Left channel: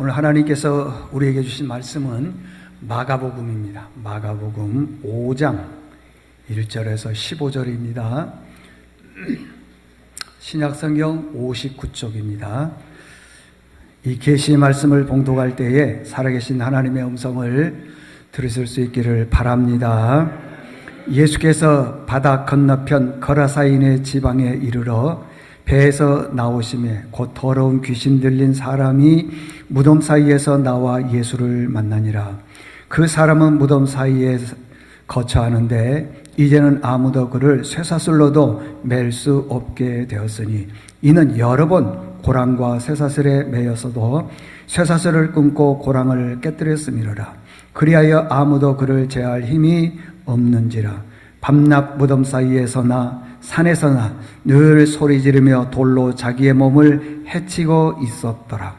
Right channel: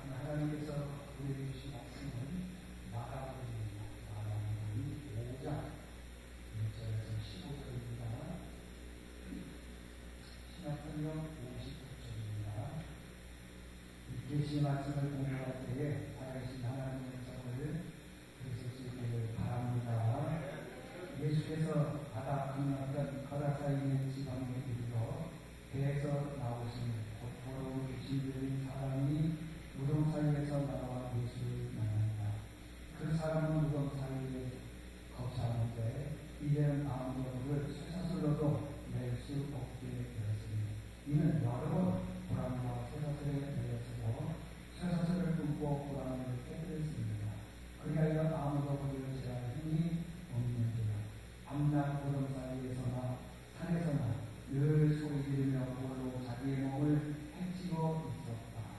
오늘 하나님께서 우리에게 주신 말씀은 마가복음입니다. 마가복음 5장 1절에서 15절입니다. 신약성경 59쪽입니다. 이 계시의 말씀을 봉독할 때에 살아계신 하나님의 음성을 들으실 수 있기를 바랍니다. 예수께서 바다 건너편 거라사인의 지방에 이르러 배에서 나오심에 곧 더러운 귀신 들린 사람이 무덤 사이에서 나와 예수를 만나니라. 그 사람은 무덤 사이에 거처하는데 이제는 아무도 그를 쇠사슬로도 맬 수 없게 되었으니 이는 여러 번 고랑과 쇠사슬에 매여서도 쇠사슬을 끊고 고랑을 깨뜨렸음이로라. 그리하여 아무도 그를 제할 힘이 없는지라. 밤낮 무덤 사이에서나 산에서나 늘 소리 지르며 돌로 자기의 몸을 해치고 있었더라.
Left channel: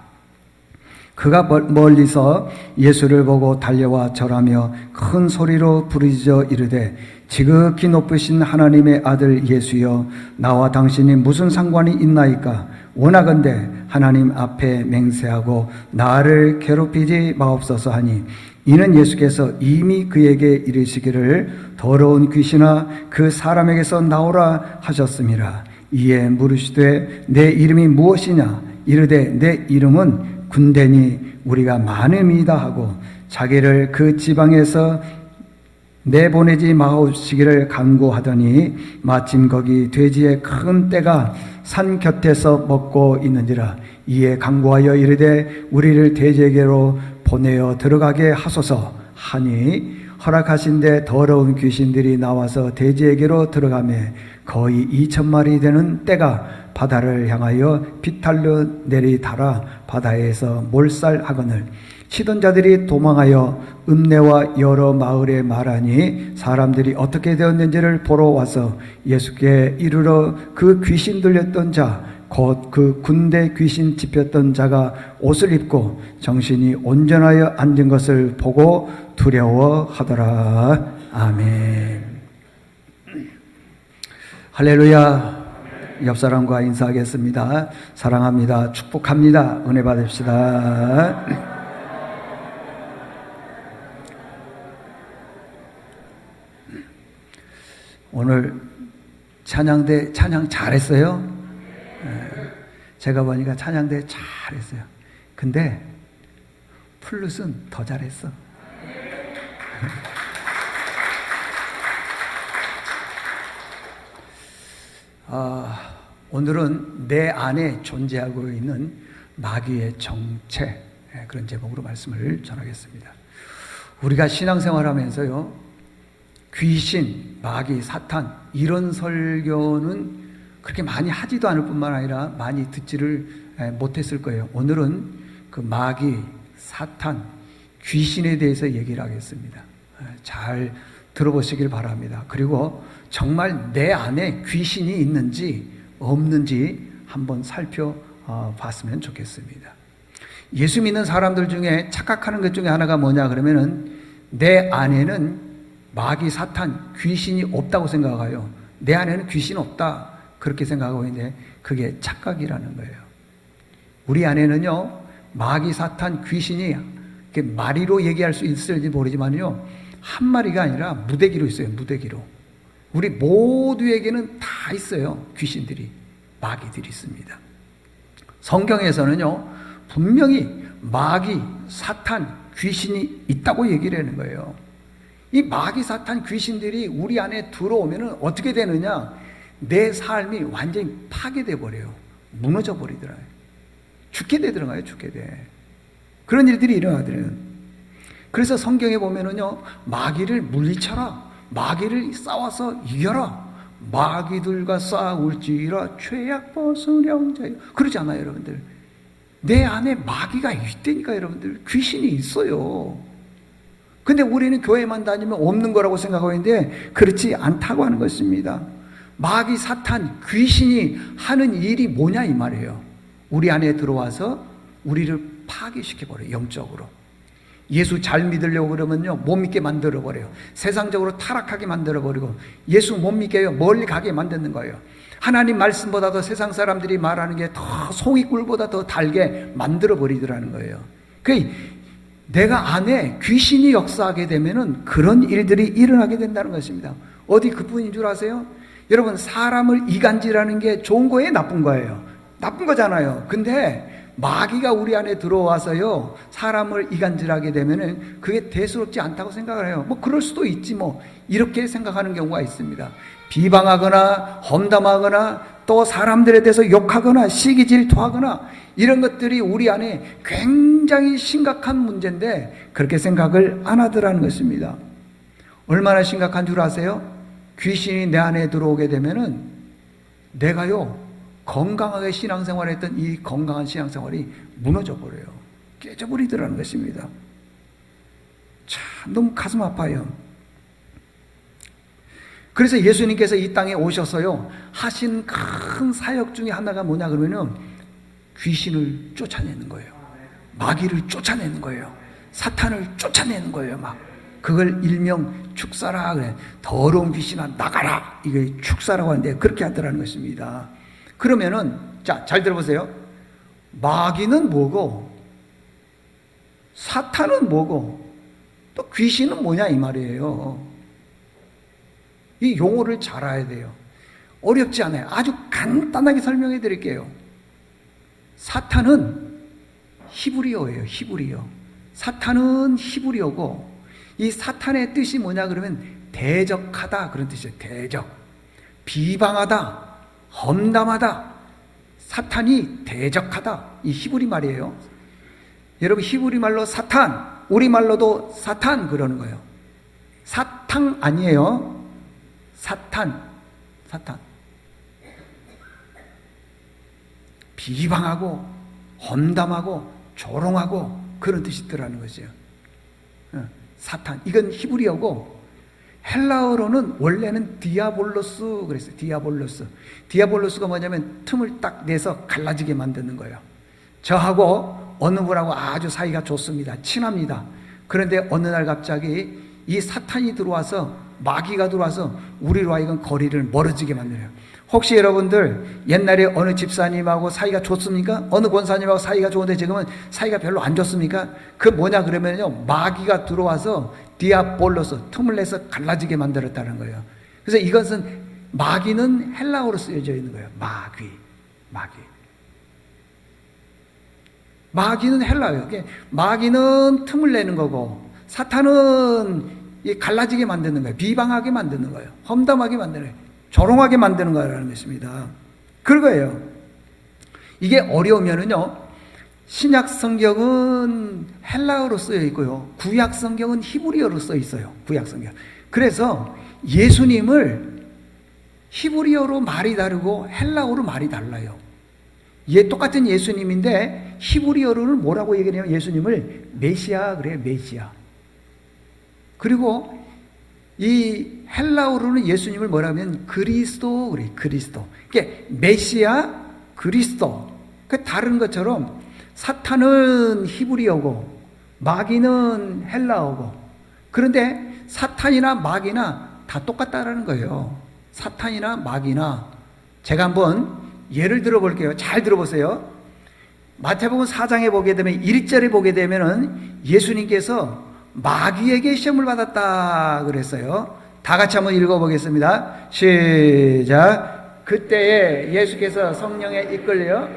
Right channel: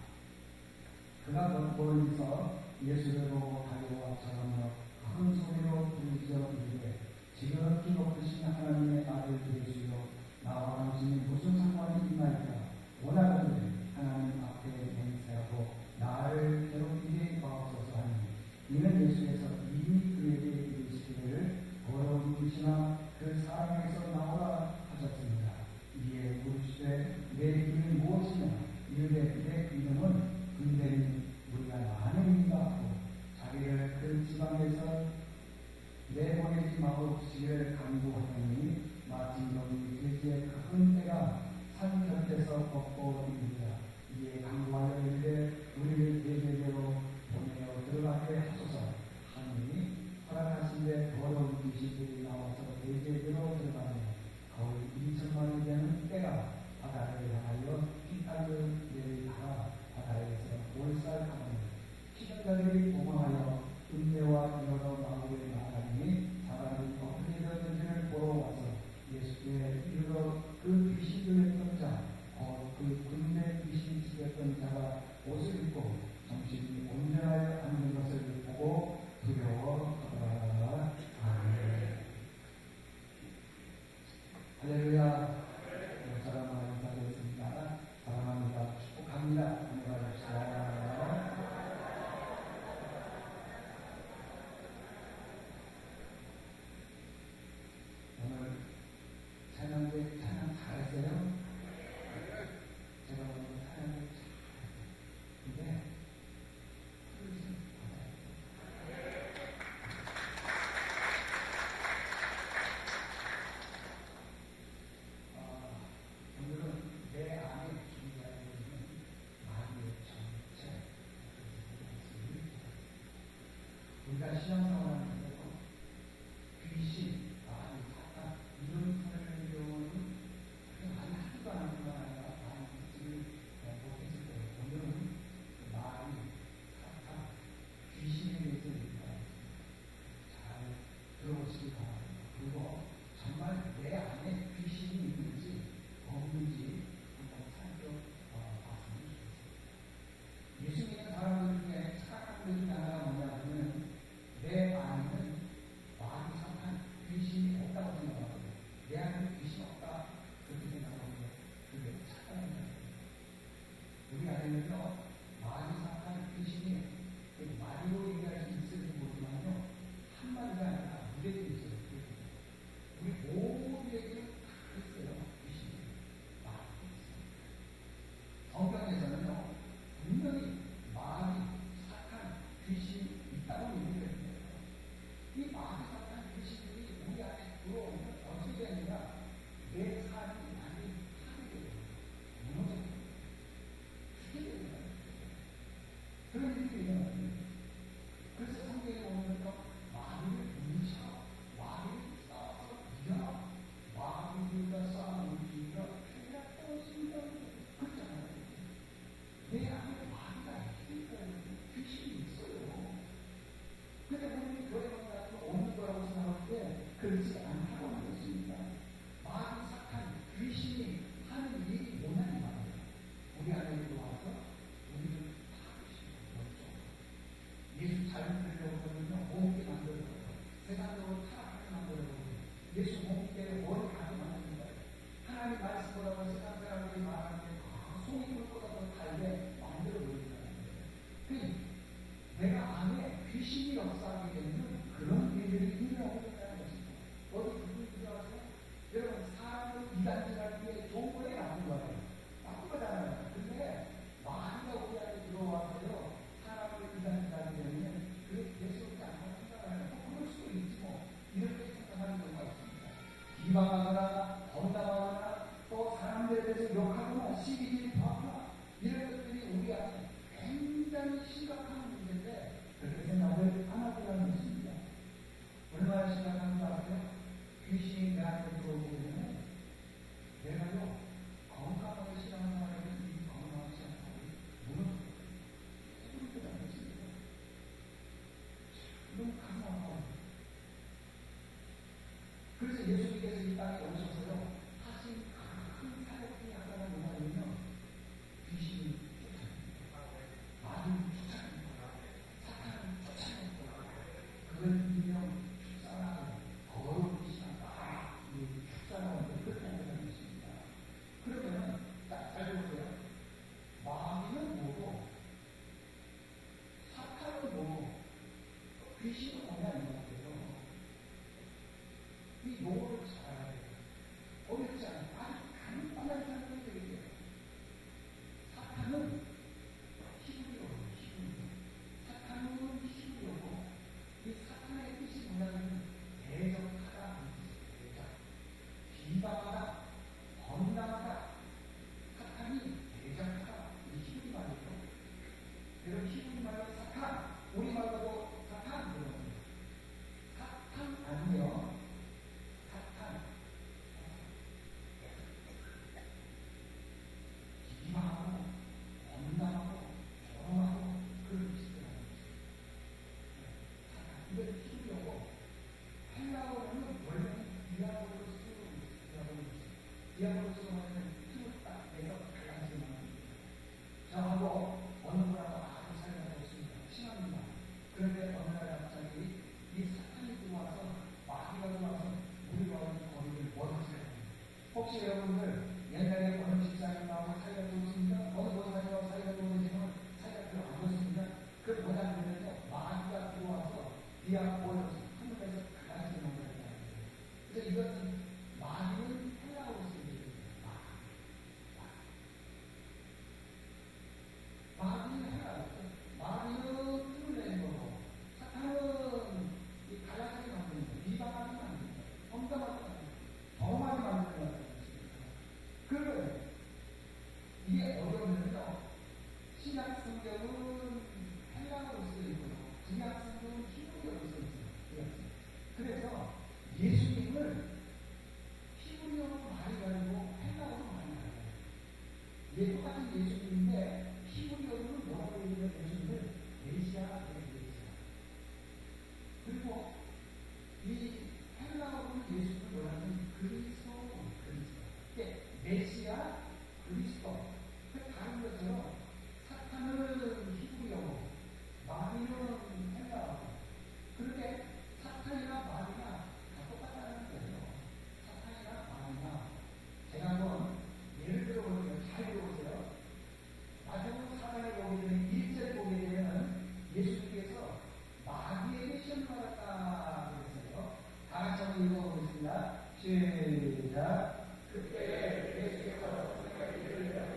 그가 멀리서 예수를 보고 달려와 절하며 큰 소리로 부르짖어 이르되 지극히 높으신 하나님의 아들 예수여, 나와 당신이 무슨 상관이 있나이까? 원하건대 하나님 앞에 맹세하고 나를 괴롭히지 마옵소서 하니, 이는 예수께서 이미 그에게 이르시기를 더러운 귀신아 그 사람에게서 나오라 하셨음이라. 이에 물으시되 내 이름이 무엇이냐? 이르되 내 이름은 군대니 우리가 많음이다 하고 자기를 그 지방에서 내보내지 마옵시기를 간구하더니 마침 거기 돼지의 큰 떼가 산 곁에서 먹고 있는지라. 이에 간구하여 이르되 우리를 돼지에게로 보내어 들어가게 하소서 하니 허락하신데 더러운 귀신들이 나와서 돼지에게로 들어가매 거의 2,000마리 되는 떼가 바다를 향하여 비탈로 내리달아 바다에서 몰살하거늘 치던 자들이 도망하여 읍내와 여러 마을에 말하니 사람들이 어떻게 되었는지를 보러 와서 예수께 이르러 그 귀신 들렸던 자 곧 그 군대 귀신 짚혔던 자가 옷을 입고 정신이 온전하여 앉은 것을 보고 두려워하더라. 아멘. 할렐루야. 옆 사람과 인사하겠습니다. 사랑합니다. 축복합니다. 은혜 받읍시다. 오늘 찬양대 찬양 잘했어요. 제가 보니까 찬양대 잘했어요. 근데 플룻은 더 잘했어. 오늘은 내 안에 존재하고 있는 마귀의 정체, 그런 제목으로 말씀을 전하겠습니다. 우리가 신앙생활하면서요, 귀신, 마귀, 사탄 이런 설교는 그렇게 많이 하지도 않을 뿐만 아니라 많이 듣지를 못했을 거예요. 오늘은 그 마귀, 사탄, 귀신에 대해서 얘기를 하겠습니다. 잘 들어보시길 바랍니다. 그리고 정말 내 안에 귀신이 있는지 없는지 한번 살펴봤으면 좋겠습니다. 예수 믿는 사람들 중에 착각하는 것 중에 하나가 뭐냐 그러면은 내 안에는 마귀, 사탄, 귀신이 없다고 생각해요. 내 안에는 귀신 없다 그렇게 생각하고 있는데 그게 착각이라는 거예요. 우리 안에는요 마귀, 사탄, 귀신이 마리로 얘기할 수 있을지 모르지만요 한 마리가 아니라 무대기로 있어요. 무대기로. 우리 모두에게는 다 있어요. 귀신들이, 마귀들이 있습니다. 성경에서는요 분명히 마귀, 사탄, 귀신이 있다고 얘기를 하는 거예요. 이 마귀, 사탄, 귀신들이 우리 안에 들어오면 어떻게 되느냐, 내 삶이 완전히 파괴돼 버려요. 무너져 버리더라고요. 죽게 되더라고요. 죽게 돼. 그런 일들이 일어나더래요. 그래서 성경에 보면은요 마귀를 물리쳐라, 마귀를 싸워서 이겨라, 마귀들과 싸울지라 죄악 벗으령 자유, 그러지 않아요 여러분들? 내 안에 마귀가 있다니까 여러분들. 귀신이 있어요. 근데 우리는 교회만 다니면 없는 거라고 생각하고 있는데 그렇지 않다고 하는 것입니다. 마귀, 사탄, 귀신이 하는 일이 뭐냐 이 말이에요. 우리 안에 들어와서 우리를 파괴시켜버려요. 영적으로. 예수 잘 믿으려고 그러면요 못 믿게 만들어버려요. 세상적으로 타락하게 만들어버리고 예수 못 믿게 멀리 가게 만드는 거예요. 하나님 말씀보다도 세상 사람들이 말하는 게 더 송이꿀보다 더 달게 만들어버리더라는 거예요. 그 내가 안에 귀신이 역사하게 되면은 그런 일들이 일어나게 된다는 것입니다. 어디 그뿐인 줄 아세요? 여러분, 사람을 이간질하는 게 좋은 거예요, 나쁜 거예요? 나쁜 거잖아요. 근데 마귀가 우리 안에 들어와서요, 사람을 이간질하게 되면은 그게 대수롭지 않다고 생각을 해요. 뭐 그럴 수도 있지 뭐, 이렇게 생각하는 경우가 있습니다. 비방하거나 험담하거나 또 사람들에 대해서 욕하거나 시기 질투하거나 이런 것들이 우리 안에 굉장히 심각한 문제인데 그렇게 생각을 안 하더라는 것입니다. 얼마나 심각한 줄 아세요? 귀신이 내 안에 들어오게 되면은 내가요, 건강하게 신앙생활했던 이 건강한 신앙생활이 무너져 버려요. 깨져버리더라는 것입니다. 참 너무 가슴 아파요. 그래서 예수님께서 이 땅에 오셔서요, 하신 큰 사역 중에 하나가 뭐냐 그러면은 귀신을 쫓아내는 거예요. 마귀를 쫓아내는 거예요. 사탄을 쫓아내는 거예요. 막 그걸 일명 축사라 그래. 더러운 귀신아 나가라. 이게 축사라고 하는데 그렇게 하더라는 것입니다. 그러면은 자, 잘 들어보세요. 마귀는 뭐고 사탄은 뭐고 또 귀신은 뭐냐 이 말이에요. 이 용어를 잘 알아야 돼요. 어렵지 않아요. 아주 간단하게 설명해 드릴게요. 사탄은 히브리어예요. 히브리어. 사탄은 히브리어고 이 사탄의 뜻이 뭐냐 그러면 대적하다 그런 뜻이에요. 대적. 비방하다. 험담하다. 사탄이 대적하다. 이 히브리 말이에요. 여러분, 히브리 말로 사탄, 우리말로도 사탄 그러는 거예요. 사탕 아니에요. 사탄. 비방하고 험담하고 조롱하고 그런 뜻이 있더라는 거죠. 사탄. 이건 히브리어고 헬라어로는 원래는 디아볼로스 그랬어요. 디아볼로스. 디아볼로스가 뭐냐면 틈을 딱 내서 갈라지게 만드는 거예요. 저하고 어느 분하고 아주 사이가 좋습니다. 친합니다. 그런데 어느 날 갑자기 이 사탄이 들어와서 마귀가 들어와서 우리로 하여금 거리를 멀어지게 만들어요. 혹시 여러분들 옛날에 어느 집사님하고 사이가 좋습니까? 어느 권사님하고 사이가 좋은데 지금은 사이가 별로 안 좋습니까? 그 뭐냐 그러면요, 마귀가 들어와서 디아볼로스, 틈을 내서 갈라지게 만들었다는 거예요. 그래서 이것은 마귀는 헬라어로 쓰여져 있는 거예요. 마귀는 헬라어예요. 마귀는 틈을 내는 거고 사탄은 갈라지게 만드는 거예요. 비방하게 만드는 거예요. 험담하게 만드는 거예요. 조롱하게 만드는 거라는 것입니다. 그거예요. 이게 어려우면은요, 신약 성경은 헬라어로 쓰여 있고요, 구약 성경은 히브리어로 써 있어요. 구약 성경. 그래서 예수님을 히브리어로 말이 다르고 헬라어로 말이 달라요. 똑같은 예수님인데 히브리어로는 뭐라고 얘기해요? 예수님을 메시아 그래요. 메시아. 그리고 이 헬라어로는 예수님을 뭐라면 그리스도 그래. 그리스도. 이게 메시아, 그리스도. 그 다른 것처럼 사탄은 히브리어고 마귀는 헬라어고, 그런데 사탄이나 마귀나 다 똑같다라는 거예요. 사탄이나 마귀나. 제가 한번 예를 들어 볼게요. 잘 들어보세요. 마태복음 4장에 보게 되면 1절에 보게 되면은 예수님께서 마귀에게 시험을 받았다 그랬어요. 다 같이 한번 읽어보겠습니다. 시작. 그때에 예수께서 성령에 이끌려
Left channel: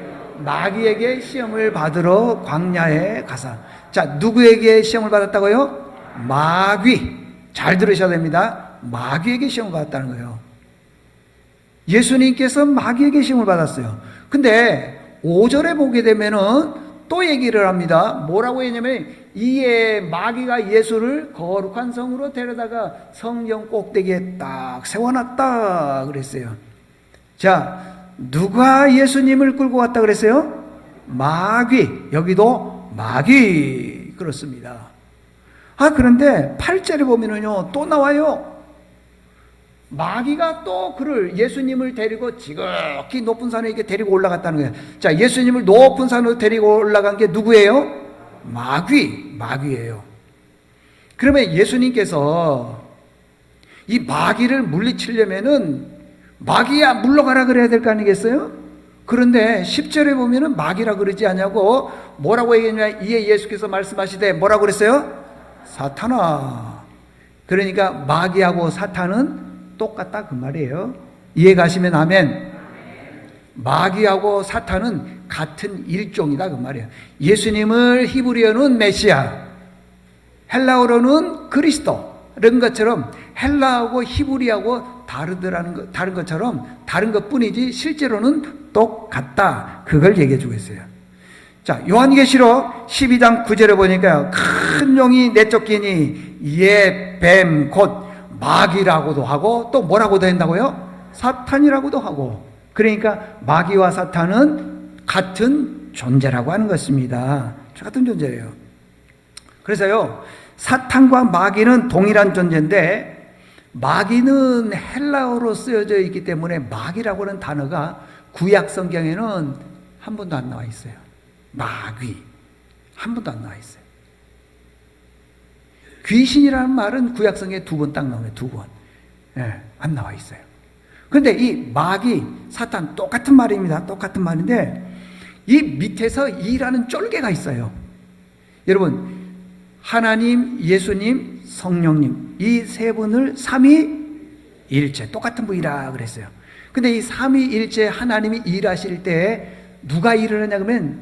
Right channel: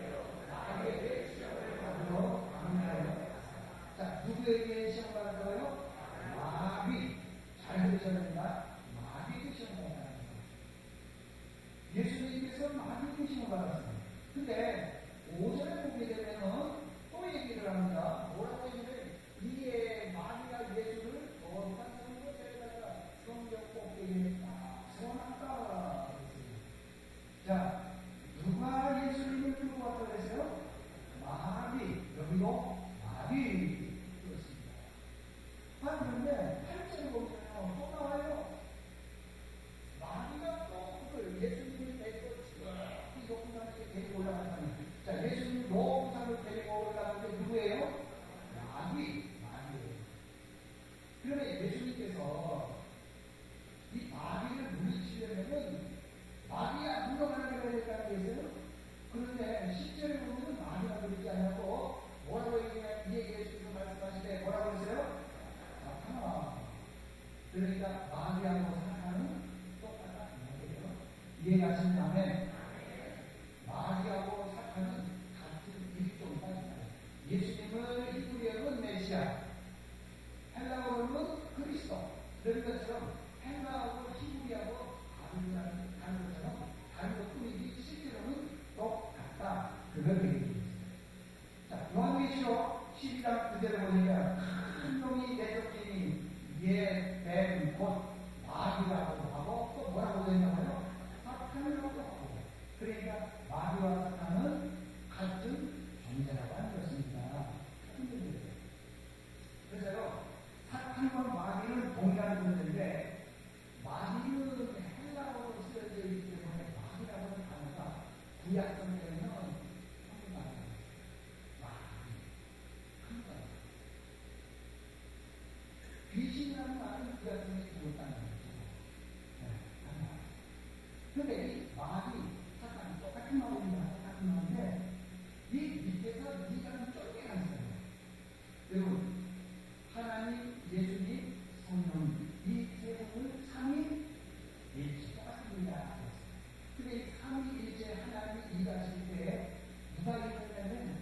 마귀에게 시험을 받으러 광야에 가사. 자, 누구에게 시험을 받았다고요? 마귀. 잘 들으셔야 됩니다. 마귀에게 시험을 받았다는 거예요. 예수님께서 마귀에게 시험을 받았어요. 근데 5절에 보게 되면은 또 얘기를 합니다. 뭐라고 했냐면 이에 마귀가 예수를 거룩한 성으로 데려다가 성령 꼭대기에 딱 세워놨다 그랬어요. 자, 누가 예수님을 끌고 왔다 그랬어요? 마귀. 여기도 마귀. 그렇습니다. 그런데 8절에 보면은요, 또 나와요. 마귀가 또 그를, 예수님을 데리고 지극히 높은 산에 이렇게 데리고 올라갔다는 거예요. 자, 예수님을 높은 산으로 데리고 올라간 게 누구예요? 마귀예요. 그러면 예수님께서 이 마귀를 물리치려면은 마귀야 물러가라 그래야 될 거 아니겠어요? 그런데 10절에 보면은 마귀라 그러지 않냐고 뭐라고 얘기했냐? 이에 예수께서 말씀하시되 뭐라고 그랬어요? 사탄아. 그러니까 마귀하고 사탄은 똑같다 그 말이에요. 이해 가시면 아멘. 마귀하고 사탄은 같은 일종이다 그 말이에요. 예수님을 히브리어는 메시아, 헬라어로는 그리스도 이런 것처럼 헬라하고 히브리하고 다른 것처럼 다른 것뿐이지 실제로는 똑같다. 그걸 얘기해 주고 있어요. 자, 요한계시록 12장 9절에 보니까요, 큰 용이 내쫓기니 이에 뱀 곧 마귀라고도 하고 또 뭐라고도 한다고요? 사탄이라고도 하고. 그러니까 마귀와 사탄은 같은 존재라고 하는 것입니다. 같은 존재예요. 그래서요, 사탄과 마귀는 동일한 존재인데 마귀는 헬라어로 쓰여져 있기 때문에 마귀라고 하는 단어가 구약 성경에는 한 번도 안 나와 있어요. 마귀 한 번도 안 나와 있어요. 귀신이라는 말은 구약 성경에 2번 딱 나와요. 2번. 안 나와 있어요. 그런데 이 마귀, 사탄 똑같은 말입니다. 똑같은 말인데 이 밑에서 이라는 쫄개가 있어요. 여러분, 하나님, 예수님, 성령님 이 세 분을 삼위일체 똑같은 분이라 그랬어요. 근데 이 삼위일체 하나님이 일하실 때 누가 일을 하냐 그러면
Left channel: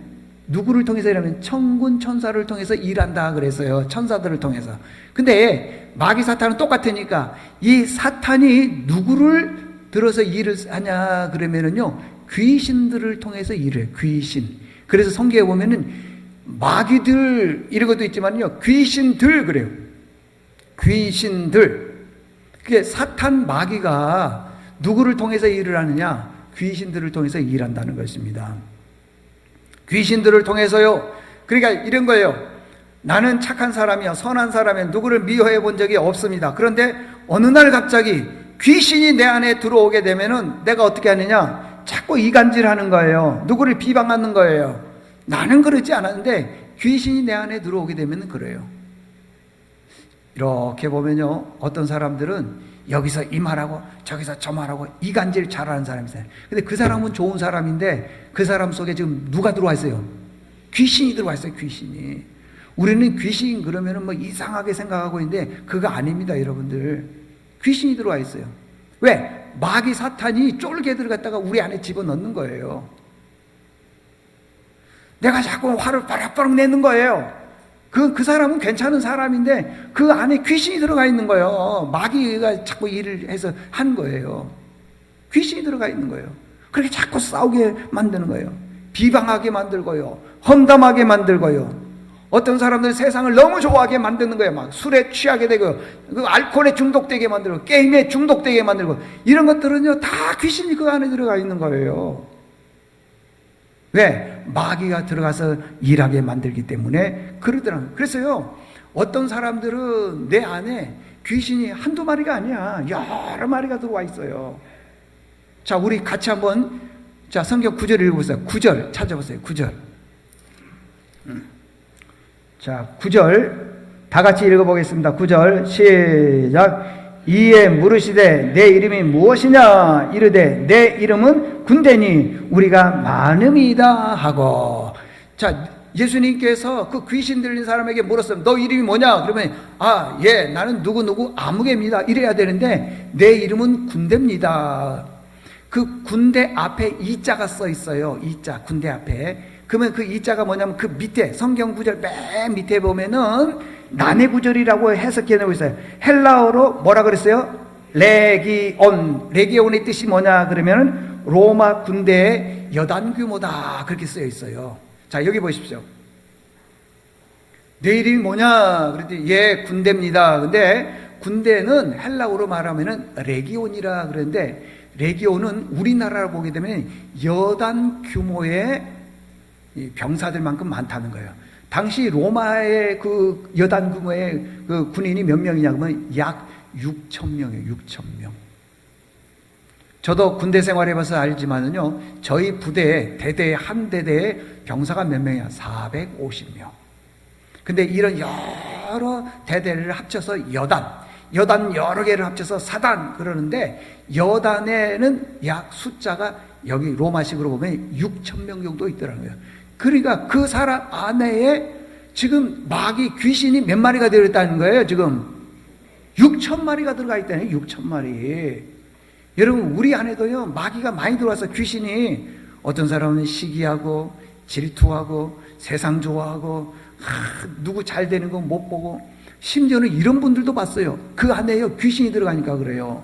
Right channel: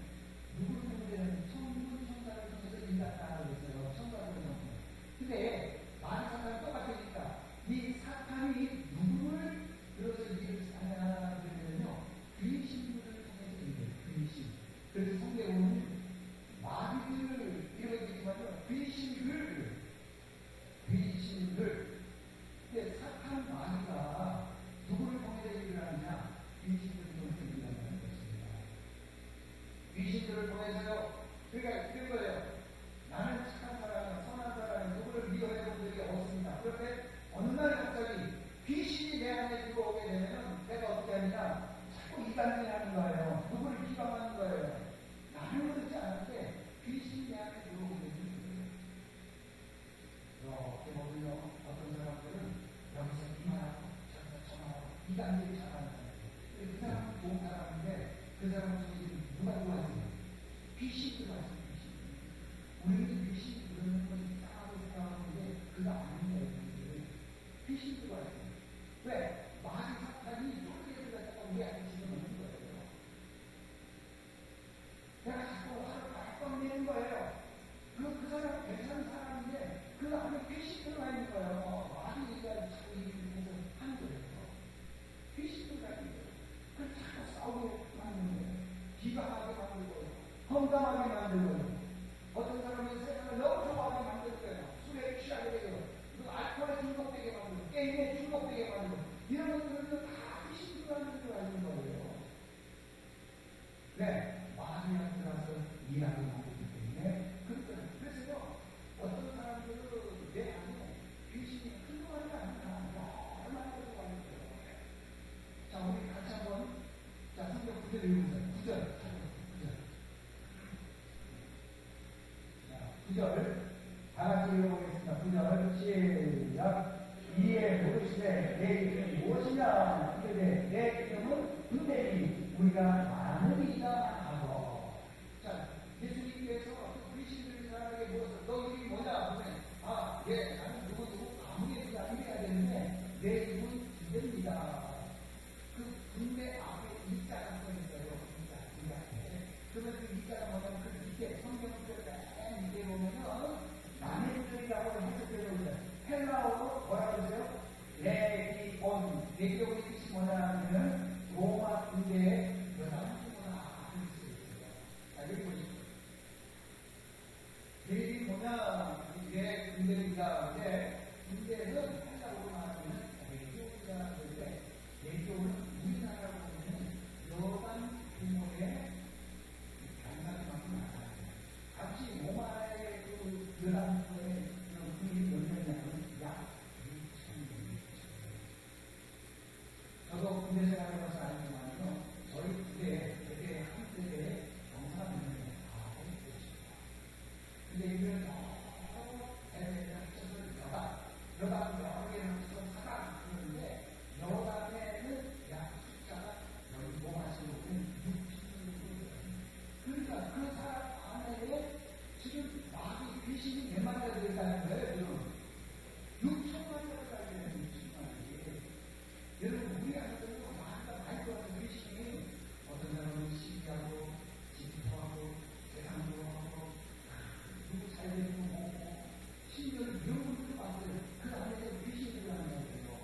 누구를 통해서 일하면 천군 천사를 통해서 일한다 그랬어요. 천사들을 통해서. 근데 마귀 사탄은 똑같으니까 이 사탄이 누구를 들어서 일을 하냐 그러면은요, 귀신들을 통해서 일을 해요. 귀신. 그래서 성경에 보면은 마귀들 이런 것도 있지만요, 귀신들 그래요. 귀신들. 그게 사탄 마귀가 누구를 통해서 일을 하느냐? 귀신들을 통해서 일한다는 것입니다. 귀신들을 통해서요. 그러니까 이런 거예요. 나는 착한 사람이야, 선한 사람이야, 누구를 미워해 본 적이 없습니다. 그런데 어느 날 갑자기 귀신이 내 안에 들어오게 되면은 내가 어떻게 하느냐? 자꾸 이간질하는 거예요. 누구를 비방하는 거예요. 나는 그러지 않았는데 귀신이 내 안에 들어오게 되면 그래요. 이렇게 보면요, 어떤 사람들은 여기서 이 말하고 저기서 저 말하고 이간질 잘하는 사람이 있어요. 근데 그 사람은 좋은 사람인데 그 사람 속에 지금 누가 들어와 있어요? 귀신이 들어와 있어요. 귀신이. 우리는 귀신 그러면은 뭐 이상하게 생각하고 있는데 그거 아닙니다, 여러분들. 귀신이 들어와 있어요. 왜? 마귀 사탄이 쫄개들 갖다가 우리 안에 집어넣는 거예요. 내가 자꾸 화를 바락바락 내는 거예요. 그 사람은 괜찮은 사람인데 그 안에 귀신이 들어가 있는 거예요. 마귀가 자꾸 일을 해서 한 거예요. 귀신이 들어가 있는 거예요. 그렇게 자꾸 싸우게 만드는 거예요. 비방하게 만들고요. 험담하게 만들고요. 어떤 사람들은 세상을 너무 좋아하게 만드는 거예요. 막 술에 취하게 되고, 그 알코올에 중독되게 만들고, 게임에 중독되게 만들고, 이런 것들은요, 다 귀신이 그 안에 들어가 있는 거예요. 왜? 마귀가 들어가서 일하게 만들기 때문에 그러더라고요. 그래서요, 어떤 사람들은 내 안에 귀신이 한두 마리가 아니야. 여러 마리가 들어와 있어요. 자, 우리 같이 한번, 자, 성경 9절 읽어보세요. 9절 찾아보세요. 9절. 자, 9절 다 같이 읽어보겠습니다. 9절 시작. 이에 물으시되 내 이름이 무엇이냐 이르되 내 이름은 군대니 우리가 많음이다 하고. 자, 예수님께서 그 귀신 들린 사람에게 물었어요. 너 이름이 뭐냐? 그러면 예, 나는 누구누구 아무개입니다 이래야 되는데 내 이름은 군대입니다. 그 군대 앞에 이자가 써 있어요. 이자, 군대 앞에. 그러면 그 이자가 뭐냐면 그 밑에 성경 구절 맨 밑에 보면은 난해 구절이라고 해석해 놓고 있어요. 헬라어로 뭐라 그랬어요? 레기온. 레기온의 뜻이 뭐냐 그러면은 로마 군대의 여단 규모다 그렇게 쓰여 있어요. 자, 여기 보십시오. 내 이름이 뭐냐 그랬더니 예, 군대입니다. 근데 군대는 헬라어로 말하면은 레기온이라 그러는데 레기온은 우리나라로 보게 되면 여단 규모의 병사들만큼 많다는 거예요. 당시 로마의 그 여단 규모의 그 군인이 몇 명이냐 그러면 약 6,000명이에요. 6,000명. 저도 군대 생활해봐서 알지만은요, 저희 부대에 대대에 한 대대에 병사가 몇 명이야? 450명. 근데 이런 여러 대대를 합쳐서 여단 여러 개를 합쳐서 사단 그러는데 여단에는 약 숫자가 여기 로마식으로 보면 6천 명 정도 있더라고요. 그러니까 그 사람 안에 지금 마귀 귀신이 몇 마리가 들어있다는 거예요. 지금 6천 마리가 들어가 있다네. 6천 마리. 여러분 우리 안에도요 마귀가 많이 들어와서 귀신이 어떤 사람은 시기하고 질투하고 세상 좋아하고 누구 잘 되는 거 못 보고 심지어는 이런 분들도 봤어요. 그 안에요 귀신이 들어가니까 그래요.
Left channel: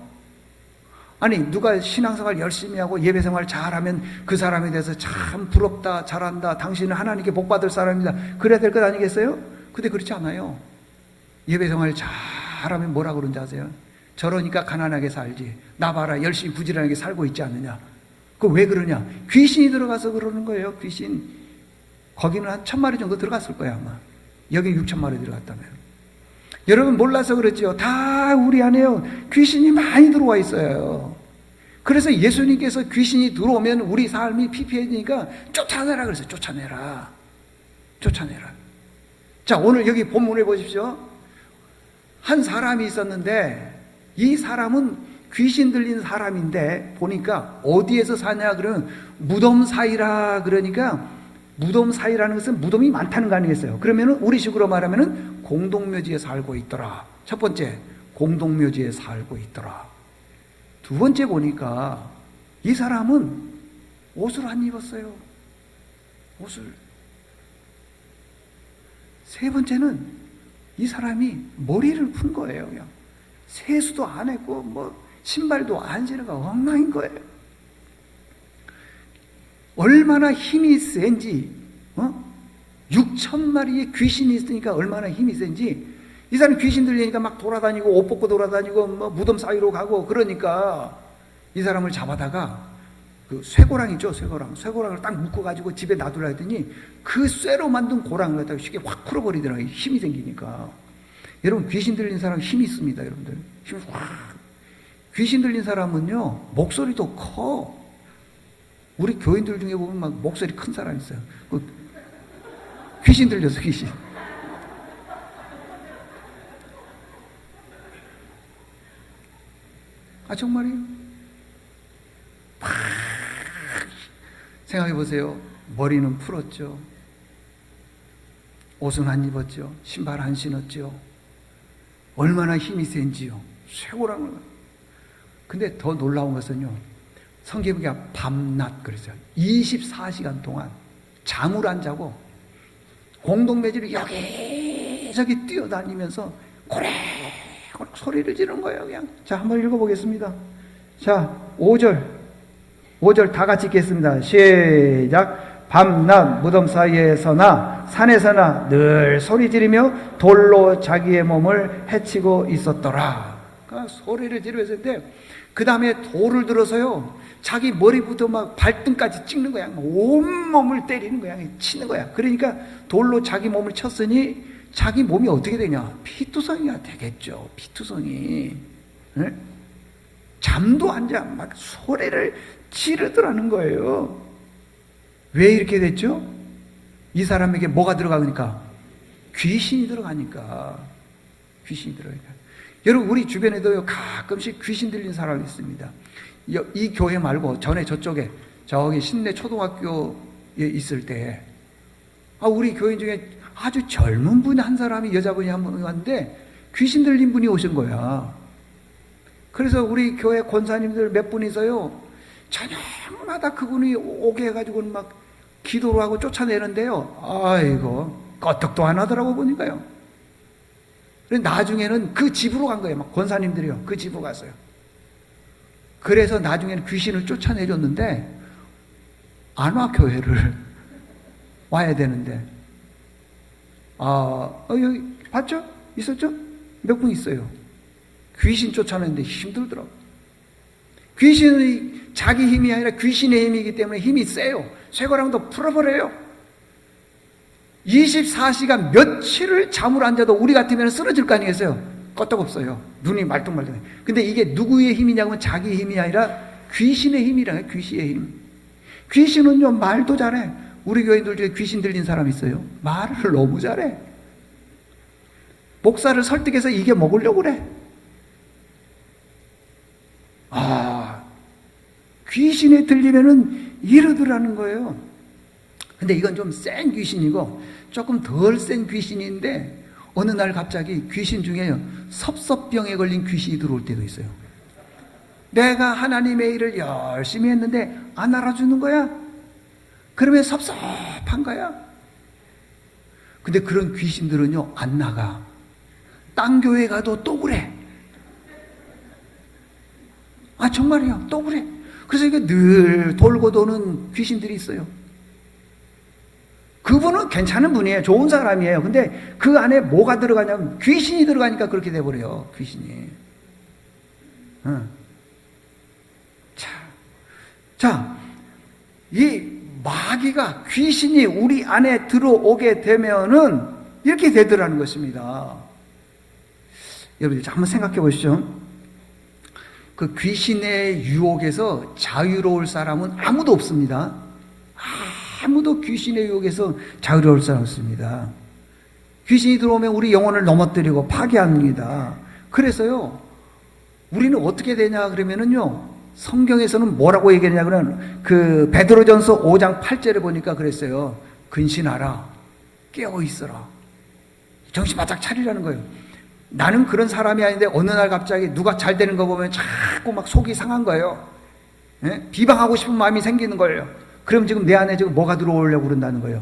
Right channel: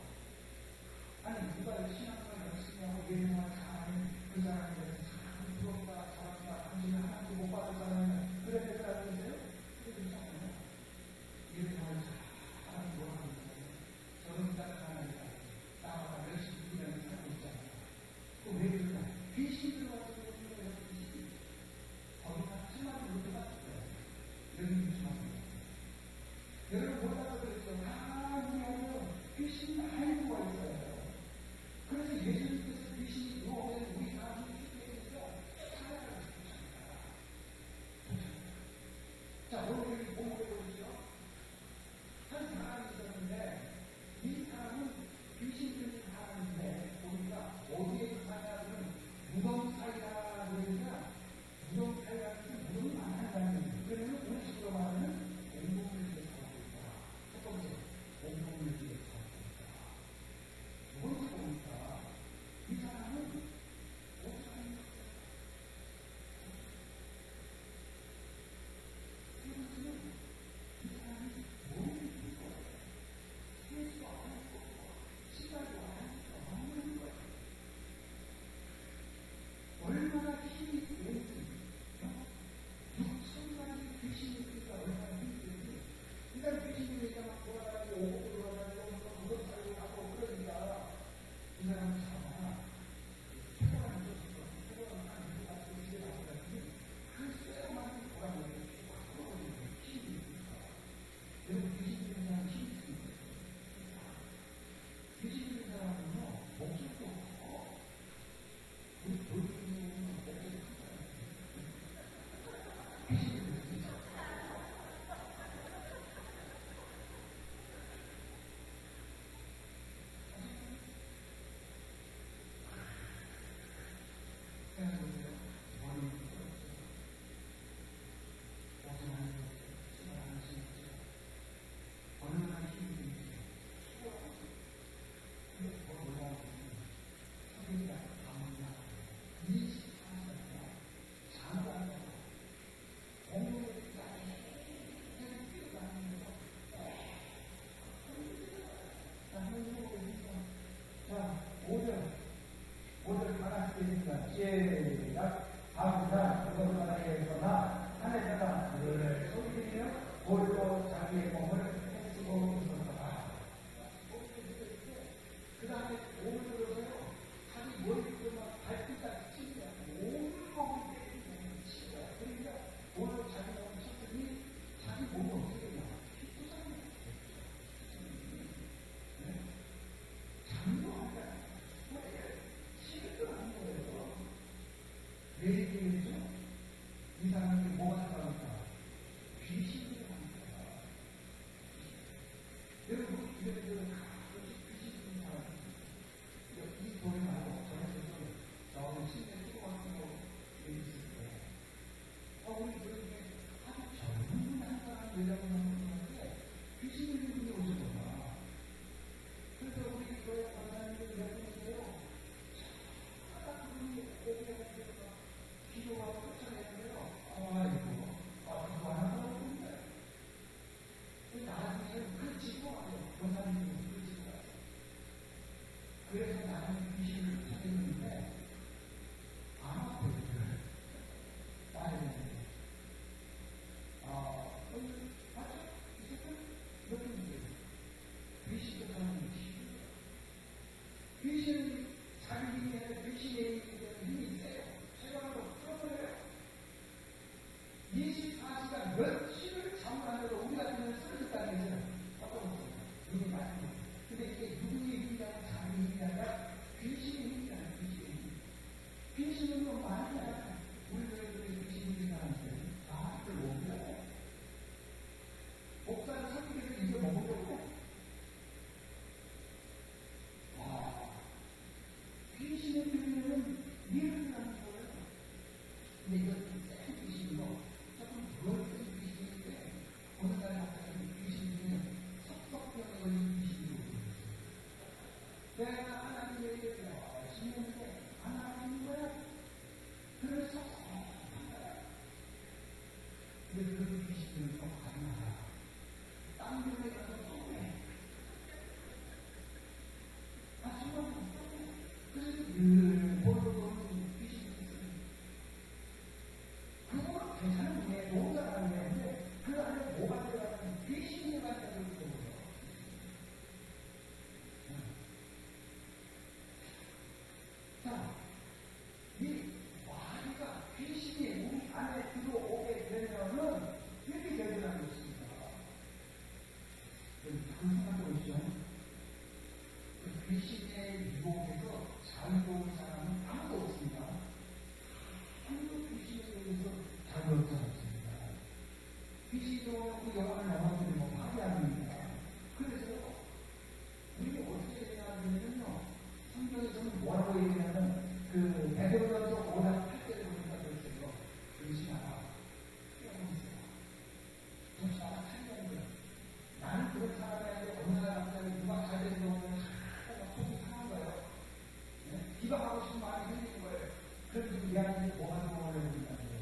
아니 누가 신앙생활 열심히 하고 예배생활 잘하면 그 사람에 대해서 참 부럽다 잘한다 당신은 하나님께 복받을 사람이다 그래야 될 것 아니겠어요? 근데 그렇지 않아요. 예배생활 잘하면 뭐라 그런지 아세요? 저러니까 가난하게 살지 나 봐라 열심히 부지런하게 살고 있지 않느냐. 그 왜 그러냐? 귀신이 들어가서 그러는 거예요. 귀신. 거기는 한 1,000마리 정도 들어갔을 거야 아마. 여기 6,000마리 들어갔다면. 여러분 몰라서 그렇지요. 다 우리 안에요 귀신이 많이 들어와 있어요. 그래서 예수님께서 귀신이 들어오면 우리 삶이 피폐해지니까 쫓아내라 그랬어요. 쫓아내라. 쫓아내라. 자 오늘 여기 본문을 보십시오. 한 사람이 있었는데 이 사람은 귀신 들린 사람인데 보니까 어디에서 사냐 그러면 무덤 사이라. 그러니까 무덤 사이라는 것은 무덤이 많다는 거 아니겠어요? 그러면은 우리식으로 말하면은 공동묘지에 살고 있더라. 첫 번째 공동묘지에 살고 있더라. 두 번째 보니까 이 사람은 옷을 안 입었어요. 옷을. 세 번째는 이 사람이 머리를 푼 거예요. 그냥 세수도 안 했고 뭐 신발도 안 신은 거 엉망인 거예요. 얼마나 힘이 센지 6,000마리의 귀신이 있으니까 얼마나 힘이 센지 이 사람 귀신 들리니까 막 돌아다니고 옷 벗고 돌아다니고 뭐 무덤 사이로 가고 그러니까 이 사람을 잡아다가 그 쇠고랑 있죠. 쇠고랑을 딱 묶어가지고 집에 놔두려 했더니 그 쇠로 만든 고랑을 갖다가 쉽게 확 풀어버리더라고요. 힘이 생기니까. 여러분 귀신 들린 사람 힘이 있습니다. 여러분들 힘이 확. 귀신 들린 사람은요 목소리도 커. 우리 교인들 중에 보면 막 목소리 큰 사람 있어요. 그 귀신 들려서 귀신. 아 정말이에요. 생각해 보세요. 머리는 풀었죠. 옷은 안 입었죠. 신발 안 신었죠. 얼마나 힘이 센지요. 쇠고랑을. 근데 더 놀라운 것은요. 성경에 밤낮 그랬어요. 24시간 동안 잠을 안 자고 공동묘지를 여기저기 뛰어다니면서 고래 소리를 지르는 거예요. 그냥. 자, 한번 읽어보겠습니다. 자, 5절 다 같이 읽겠습니다. 시작. 밤낮 무덤 사이에서나 산에서나 늘 소리 지르며 돌로 자기의 몸을 해치고 있었더라. 그러니까 소리를 지르면서 했는데 그 다음에 돌을 들어서요 자기 머리부터 막 발등까지 찍는 거야. 온몸을 때리는 거야. 치는 거야. 그러니까 돌로 자기 몸을 쳤으니 자기 몸이 어떻게 되냐? 피투성이가 되겠죠. 피투성이. 네? 잠도 안 자. 막 소리를 지르더라는 거예요. 왜 이렇게 됐죠? 이 사람에게 뭐가 들어가니까? 귀신이 들어가니까. 귀신이 들어가니까. 여러분 우리 주변에도요 가끔씩 귀신 들린 사람이 있습니다. 이 교회 말고 전에 저쪽에 저기 신내 초등학교에 있을 때 우리 교인 중에 아주 젊은 분 한 사람이 여자분이 한 분 왔는데 귀신 들린 분이 오신 거야. 그래서 우리 교회 권사님들 몇 분이서요 저녁마다 그분이 오게 해가지고 막 기도를 하고 쫓아내는데요. 아이고 껐떡도 안 하더라고 보니까요. 나중에는 그 집으로 간 거예요. 막 권사님들이요 그 집으로 갔어요. 그래서 나중에는 귀신을 쫓아내렸는데 안 와 교회를 와야 되는데 여기 봤죠? 있었죠? 몇 분 있어요. 귀신 쫓아내는데 힘들더라고. 귀신이 자기 힘이 아니라 귀신의 힘이기 때문에 힘이 세요. 쇠고랑도 풀어버려요. 24시간 며칠을 잠을 안 자도 우리 같으면 쓰러질 거 아니겠어요? 껐떡없어요. 눈이 말똥말똥해. 근데 이게 누구의 힘이냐면 자기 힘이 아니라 귀신의 힘이라요. 귀신의 힘. 귀신은요 말도 잘해. 우리 교인들 중에 귀신 들린 사람 있어요. 말을 너무 잘해. 목사를 설득해서 이게 먹으려고 그래. 귀신에 들리면은 이러더라는 거예요. 근데 이건 좀 센 귀신이고 조금 덜 센 귀신인데 어느 날 갑자기 귀신 중에요, 섭섭병에 걸린 귀신이 들어올 때도 있어요. 내가 하나님의 일을 열심히 했는데 안 알아주는 거야? 그러면 섭섭한 거야. 근데 그런 귀신들은요, 안 나가. 딴 교회 가도 또 그래. 아, 정말이야. 또 그래. 그래서 이게 늘 돌고 도는 귀신들이 있어요. 그분은 괜찮은 분이에요. 좋은 사람이에요. 근데 그 안에 뭐가 들어가냐면 귀신이 들어가니까 그렇게 돼버려요. 귀신이. 자, 이 마귀가, 귀신이 우리 안에 들어오게 되면은 이렇게 되더라는 것입니다. 여러분, 한번 생각해 보시죠. 그 귀신의 유혹에서 자유로울 사람은 아무도 없습니다. 아무도 귀신의 유혹에서 자유로울 사람 없습니다. 귀신이 들어오면 우리 영혼을 넘어뜨리고 파괴합니다. 그래서요, 우리는 어떻게 되냐 그러면은요, 성경에서는 뭐라고 얘기하냐 그러면 그 베드로전서 5장 8절에 보니까 그랬어요. 근신하라, 깨어 있어라, 정신 바짝 차리라는 거예요. 나는 그런 사람이 아닌데 어느 날 갑자기 누가 잘 되는 거 보면 자꾸 막 속이 상한 거예요. 예? 비방하고 싶은 마음이 생기는 거예요. 그럼 지금 내 안에 지금 뭐가 들어오려고 그런다는 거예요?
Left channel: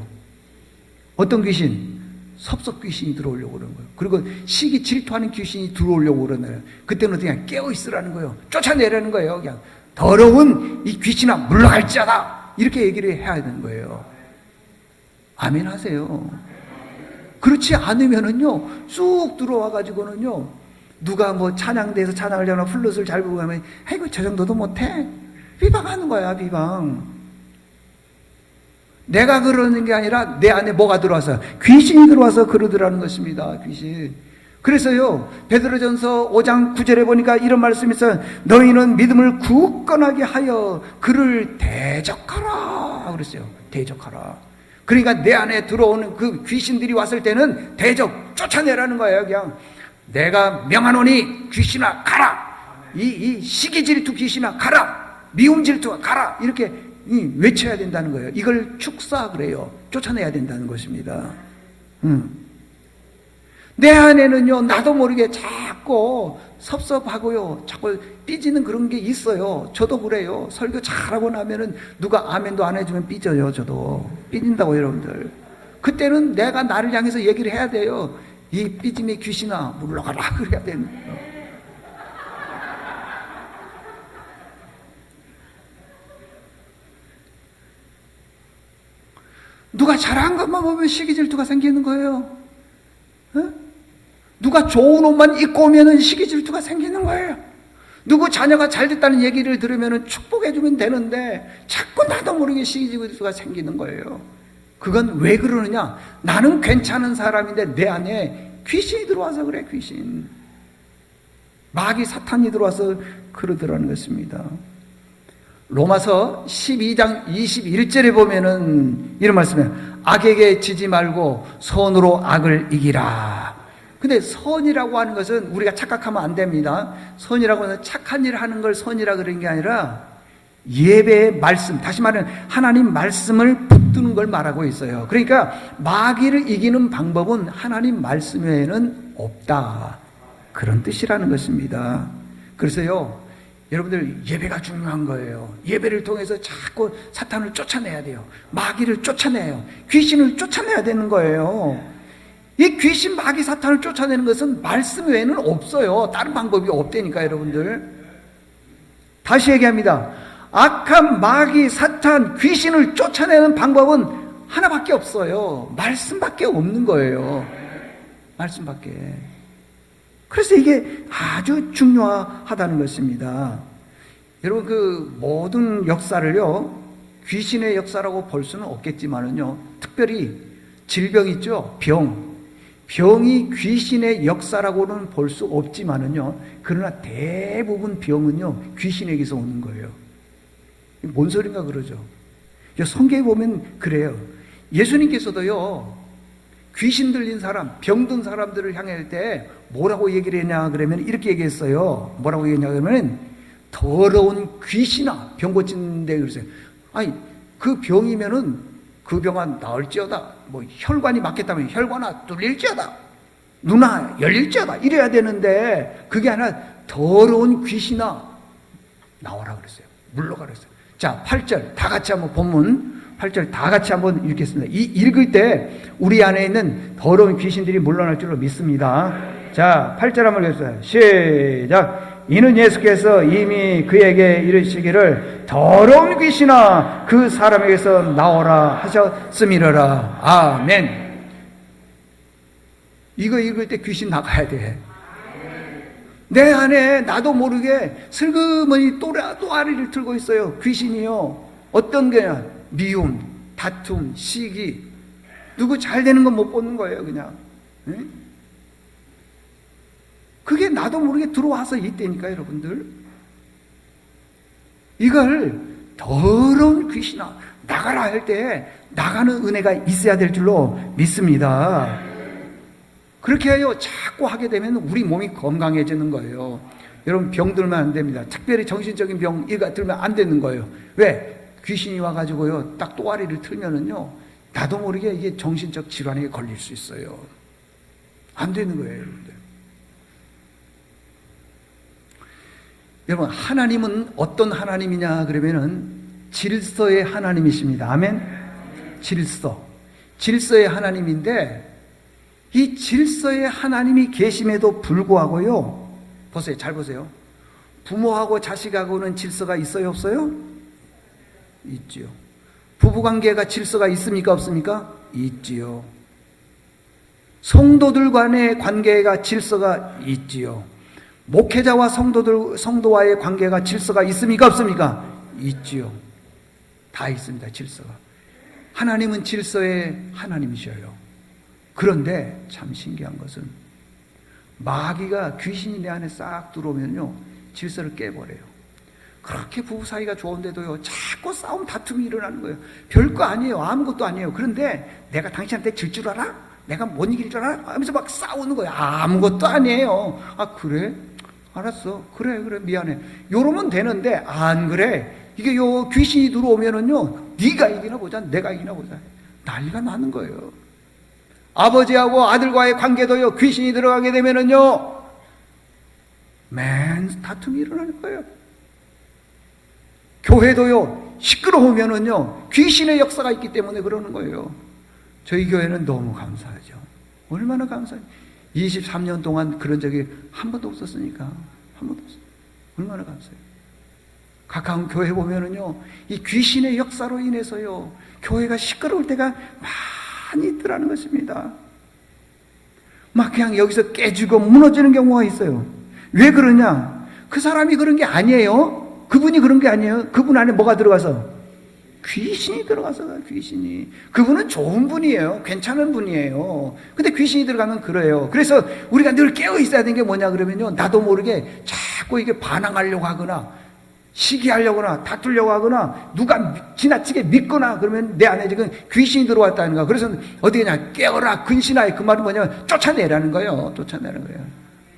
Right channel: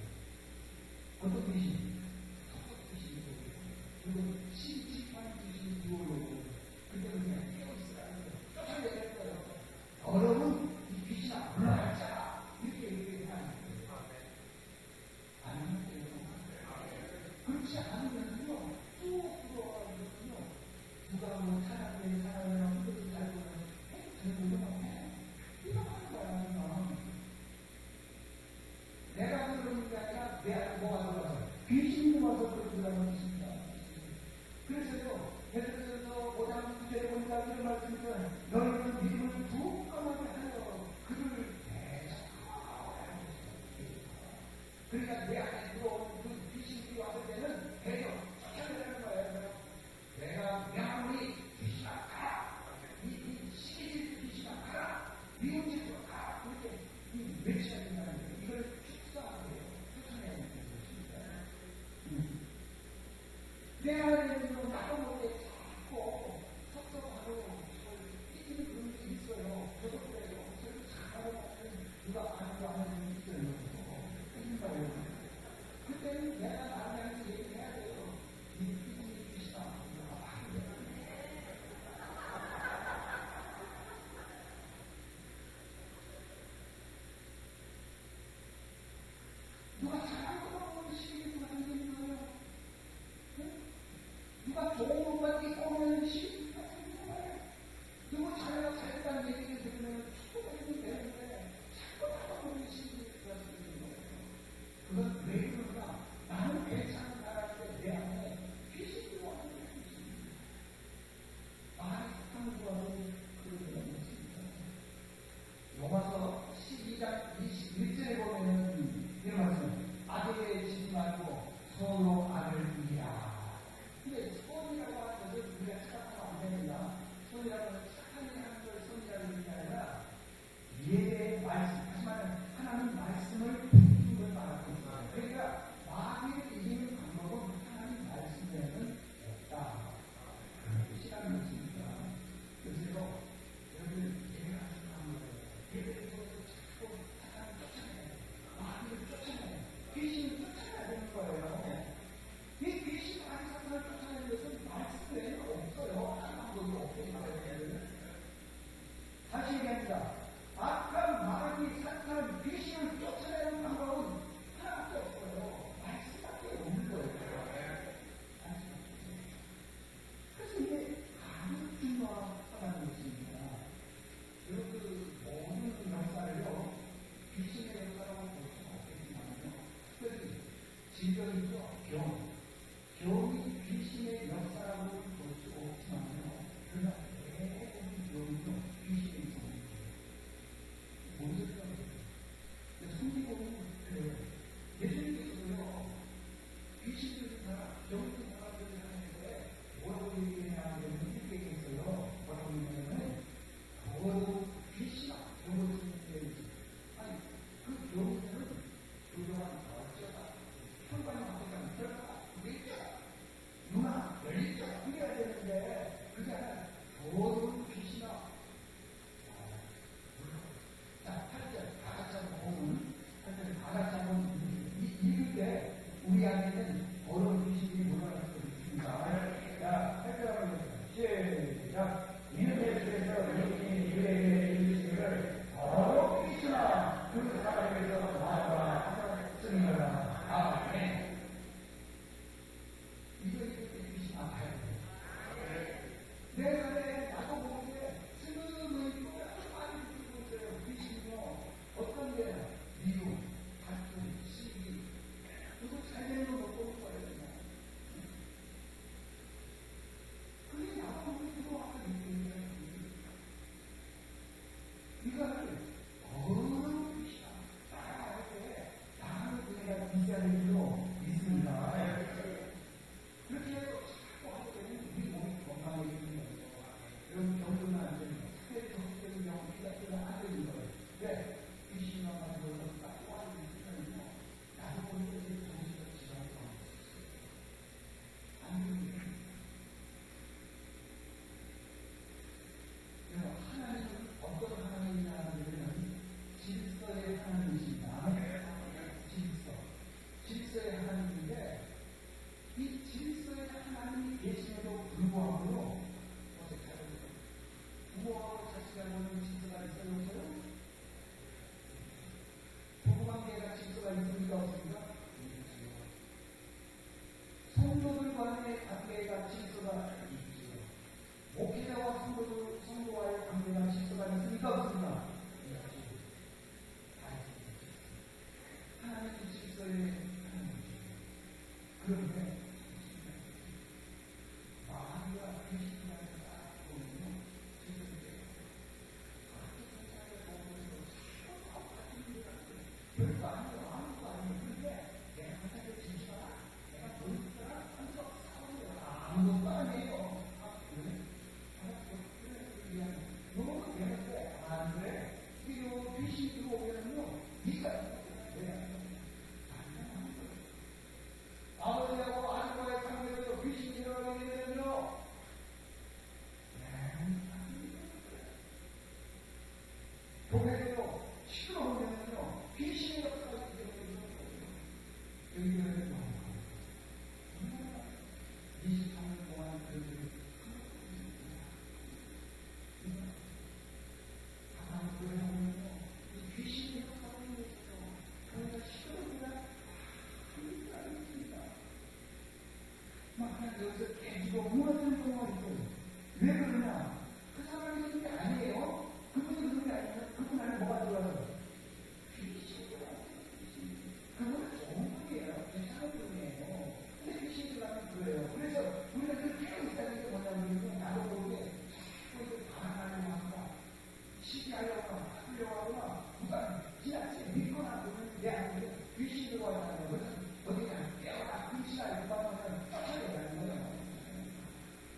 어떤 귀신? 섭섭 귀신이 들어오려고 그러는 거예요. 그리고 시기 질투하는 귀신이 들어오려고 그러는 거예요. 그때는 그냥 깨어 있으라는 거예요. 쫓아내라는 거예요. 그냥 더러운 이 귀신아 물러갈지어다, 이렇게 얘기를 해야 되는 거예요. 아멘 하세요. 그렇지 않으면은요, 쑥 들어와 가지고는요, 누가 뭐 찬양대에서 찬양을 하거나 플룻을 잘 부고 하면 아이고 저 정도도 못해, 비방하는 거야. 비방. 내가 그러는 게 아니라 내 안에 뭐가 들어와서, 귀신이 들어와서 그러더라는 것입니다. 귀신. 그래서요, 베드로전서 5장 9절에 보니까 이런 말씀이 있어요. 너희는 믿음을 굳건하게 하여 그를 대적하라 그랬어요. 대적하라. 그러니까 내 안에 들어오는 그 귀신들이 왔을 때는 대적, 쫓아내라는 거예요. 그냥 내가 명하노니 귀신아 가라, 이 시기 질투 귀신아 가라, 미움 질투가 가라, 이렇게 외쳐야 된다는 거예요. 이걸 축사 그래요. 쫓아내야 된다는 것입니다. 내 안에는요, 나도 모르게 자꾸 섭섭하고요, 자꾸 삐지는 그런 게 있어요. 저도 그래요. 설교 잘하고 나면은 누가 아멘도 안 해주면 삐져요. 저도 삐진다고. 여러분들, 그때는 내가 나를 향해서 얘기를 해야 돼요. 이 삐짐의 귀신아 물러가라, 그래야 됩니다. 누가 잘한 것만 보면 시기 질투가 생기는 거예요. 누가 좋은 옷만 입고 오면은 시기 질투가 생기는 거예요. 누구 자녀가 잘 됐다는 얘기를 들으면은 축복해주면 되는데 자꾸 나도 모르게 시기 질투가 생기는 거예요. 그건 왜 그러느냐? 나는 괜찮은 사람인데 내 안에 귀신이 들어와서 그래. 귀신, 마귀 사탄이 들어와서 그러더라는 것입니다. 로마서 12장 21절에 보면은 이런 말씀이에요. 악에게 지지 말고 선으로 악을 이기라. 근데 선이라고 하는 것은 우리가 착각하면 안 됩니다. 선이라고 하는 착한 일 하는 걸 선이라 그런 게 아니라 예배의 말씀, 다시 말하면 하나님 말씀을 붙드는 걸 말하고 있어요. 그러니까 마귀를 이기는 방법은 하나님 말씀 외에는 없다, 그런 뜻이라는 것입니다. 그래서요, 여러분들, 예배가 중요한 거예요. 예배를 통해서 자꾸 사탄을 쫓아내야 돼요. 마귀를 쫓아내요. 귀신을 쫓아내야 되는 거예요. 이 귀신, 마귀, 사탄을 쫓아내는 것은 말씀 외에는 없어요. 다른 방법이 없다니까. 여러분들, 다시 얘기합니다. 악한 마귀, 사탄, 귀신을 쫓아내는 방법은 하나밖에 없어요. 말씀밖에 없는 거예요. 말씀밖에. 그래서 이게 아주 중요하다는 것입니다. 여러분, 그 모든 역사를요, 귀신의 역사라고 볼 수는 없겠지만은요, 특별히 질병 있죠? 병이 귀신의 역사라고는 볼 수 없지만은요, 그러나 대부분 병은요, 귀신에게서 오는 거예요. 뭔 소린가 그러죠? 성경에 보면 그래요. 예수님께서도요, 귀신 들린 사람, 병든 사람들을 향할 때 뭐라고 얘기를 했냐 그러면 이렇게 얘기했어요. 뭐라고 얘기했냐 그러면 더러운 귀신아, 병 고치는데 그러세요. 아니, 그 병이면은 그 병아 나을지어다. 뭐 혈관이 막혔다면 혈관아 뚫릴지어다. 눈아 열릴지어다. 이래야 되는데 그게 아니라 더러운 귀신아 나와라 그랬어요. 물러가 그랬어요. 자, 8절 다 같이 한번 본문 8절 다 같이 한번 읽겠습니다. 읽을 때 우리 안에 있는 더러운 귀신들이 물러날 줄로 믿습니다. 자, 8절 한번 읽겠습니다. 시작. 이는 예수께서 이미 그에게 이르시기를 더러운 귀신아 그 사람에게서 나오라 하셨음이러라. 아멘. 이거 읽을 때 귀신 나가야 돼. 내 안에 나도 모르게 슬그머니 또아리를 틀고 있어요. 귀신이요. 어떤 게냐? 미움, 다툼, 시기. 누구 잘 되는 건 못 보는 거예요, 그냥. 응? 그게 나도 모르게 들어와서 있다니까, 여러분들. 이걸 더러운 귀신아 나가라 할 때 나가는 은혜가 있어야 될 줄로 믿습니다. 그렇게 해요. 자꾸 하게 되면 우리 몸이 건강해지는 거예요. 여러분, 병 들면 안 됩니다. 특별히 정신적인 병 이가 들면 안 되는 거예요. 왜? 귀신이 와가지고요 딱 또아리를 틀면은요 나도 모르게 이게 정신적 질환에 걸릴 수 있어요. 안 되는 거예요, 여러분들. 여러분, 하나님은 어떤 하나님이냐 그러면은 질서의 하나님이십니다. 아멘. 질서의 하나님인데 이 질서의 하나님이 계심에도 불구하고요, 보세요, 잘 보세요. 부모하고 자식하고는 질서가 있어요, 없어요? 있지요. 부부관계가 질서가 있습니까, 없습니까? 있지요. 성도들 간의 관계가 질서가 있지요. 목회자와 성도와의 관계가 질서가 있습니까, 없습니까? 있지요. 다 있습니다, 질서가. 하나님은 질서의 하나님이셔요. 그런데 참 신기한 것은 마귀가, 귀신이 내 안에 싹 들어오면요 질서를 깨버려요. 그렇게 부부 사이가 좋은데도요 자꾸 싸움, 다툼이 일어나는 거예요. 별거 아니에요. 아무것도 아니에요. 그런데 내가 당신한테 질 줄 알아? 내가 못 이길 줄 알아? 하면서 막 싸우는 거예요. 아무것도 아니에요. 아, 그래? 알았어. 그래 미안해. 요러면 되는데 안 그래. 이게 요 귀신이 들어오면은요 네가 이기나 보자, 내가 이기나 보자, 난리가 나는 거예요. 아버지하고 아들과의 관계도요 귀신이 들어가게 되면은요 맨 다툼이 일어날 거예요. 교회도요 시끄러우면은요 귀신의 역사가 있기 때문에 그러는 거예요. 저희 교회는 너무 감사하죠. 얼마나 감사해요. 23년 동안 그런 적이 한 번도 없었으니까. 한 번도 없어요. 얼마나 감사해요. 가까운 교회 보면은요 이 귀신의 역사로 인해서요 교회가 시끄러울 때가 많이 있더라는 것입니다. 막 그냥 여기서 깨지고 무너지는 경우가 있어요. 왜 그러냐? 그 사람이 그런 게 아니에요. 그분이 그런 게 아니에요. 그분 안에 뭐가 들어가서? 귀신이 들어가서. 귀신이. 그분은 좋은 분이에요. 괜찮은 분이에요. 근데 귀신이 들어가면 그래요. 그래서 우리가 늘 깨어 있어야 되는 게 뭐냐 그러면요 나도 모르게 자꾸 이게 반항하려고 하거나 시기하려고 하거나 다투려고 하거나 누가 지나치게 믿거나 그러면 내 안에 지금 귀신이 들어왔다는 거야. 그래서 어떻게 하냐? 깨어라 근신하여. 그 말은 뭐냐면 쫓아내라는 거예요. 쫓아내는 거예요.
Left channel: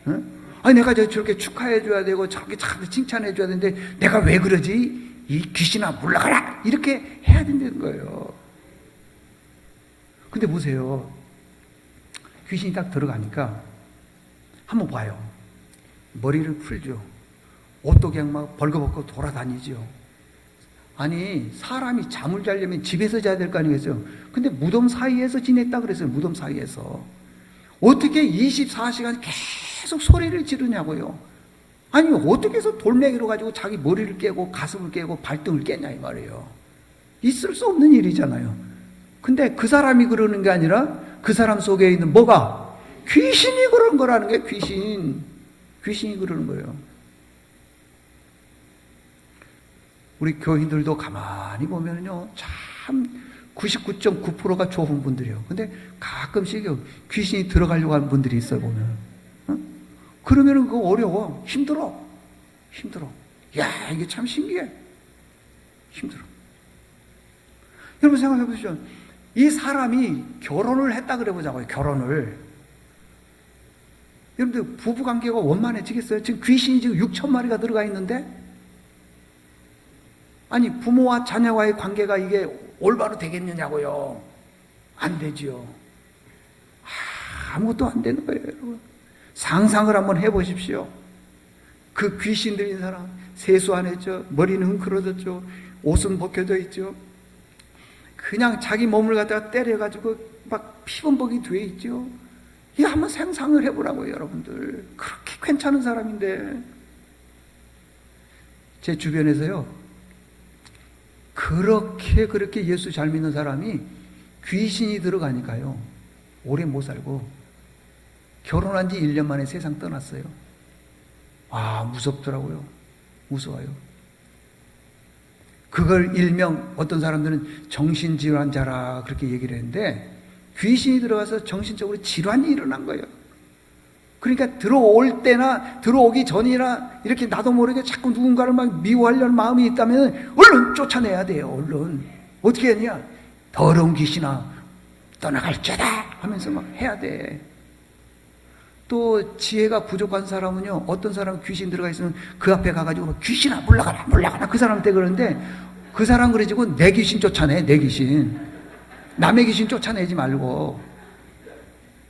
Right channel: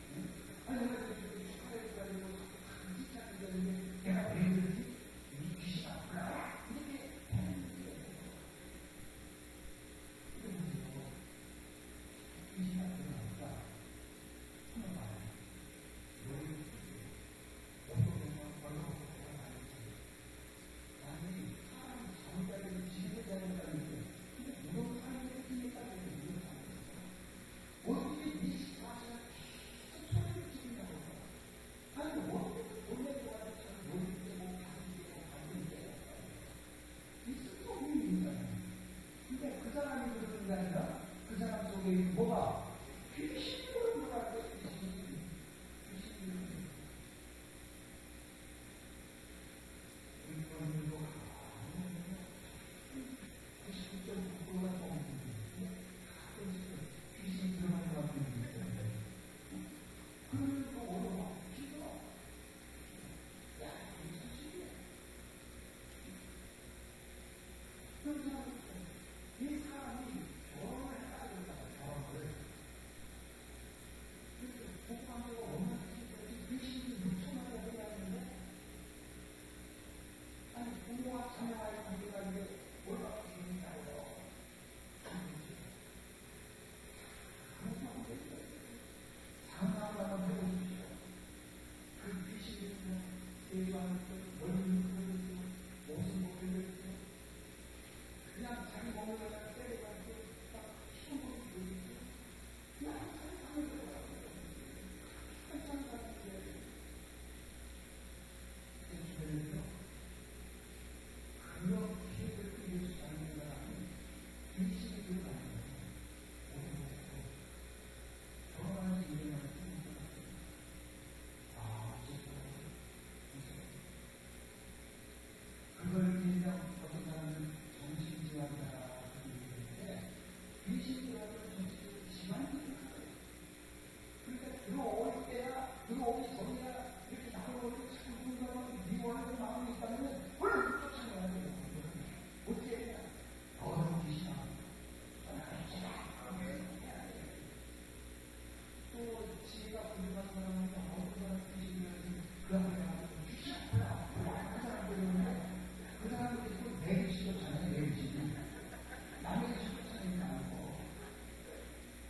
응? 아니 내가 저렇게 축하해 줘야 되고 저렇게 칭찬해 줘야 되는데 내가 왜 그러지? 이 귀신아 물러가라! 이렇게 해야 된다는 거예요. 근데 보세요. 귀신이 딱 들어가니까 한번 봐요. 머리를 풀죠. 옷도 그냥 막 벌거벗고 돌아다니죠. 아니 사람이 잠을 자려면 집에서 자야 될 거 아니겠어요? 근데 무덤 사이에서 지냈다 그랬어요. 무덤 사이에서. 어떻게 24시간 계속 소리를 지르냐고요. 아니 어떻게 해서 돌멩이로 가지고 자기 머리를 깨고 가슴을 깨고 발등을 깨냐 이 말이에요. 있을 수 없는 일이잖아요. 근데 그 사람이 그러는 게 아니라 그 사람 속에 있는 뭐가? 귀신이 그런 거라는 게 귀신이 그러는 거예요. 우리 교인들도 가만히 보면요 참 99.9%가 좋은 분들이에요. 근데 가끔씩 귀신이 들어가려고 하는 분들이 있어요 보면. 그러면은 그거 어려워. 힘들어. 야, 이게 참 신기해. 힘들어. 여러분 생각해 보시죠. 이 사람이 결혼을 했다 그래 보자고요. 결혼을. 여러분들 부부 관계가 원만해지겠어요? 지금 귀신이 지금 6천 마리가 들어가 있는데 아니 부모와 자녀와의 관계가 이게 올바로 되겠느냐고요. 안 되지요. 아무것도 안 되는 거예요. 상상을 한번 해보십시오. 그 귀신 들린 사람 세수 안 했죠. 머리는 헝클어졌죠. 옷은 벗겨져 있죠. 그냥 자기 몸을 갖다가 때려가지고 막 피범벅이 돼 있죠. 이거 한번 상상을 해보라고요, 여러분들. 그렇게 괜찮은 사람인데. 제 주변에서요, 그렇게 예수 잘 믿는 사람이 귀신이 들어가니까요, 오래 못 살고 결혼한 지 1년 만에 세상 떠났어요. 아, 무섭더라고요. 무서워요. 그걸 일명 어떤 사람들은 정신질환자라 그렇게 얘기를 했는데, 귀신이 들어가서 정신적으로 질환이 일어난 거예요. 그러니까 들어올 때나 들어오기 전이나 이렇게 나도 모르게 자꾸 누군가를 막 미워하려는 마음이 있다면 얼른 쫓아내야 돼요. 얼른. 어떻게 했냐? 더러운 귀신아 떠나갈지어다 하면서 막 해야 돼. 또 지혜가 부족한 사람은요, 어떤 사람 귀신 들어가 있으면 그 앞에 가가지고 귀신아 물러가라 그 사람한테 그러는데, 그 사람 그래가지고 내 귀신 쫓아내. 내 귀신. 남의 귀신 쫓아내지 말고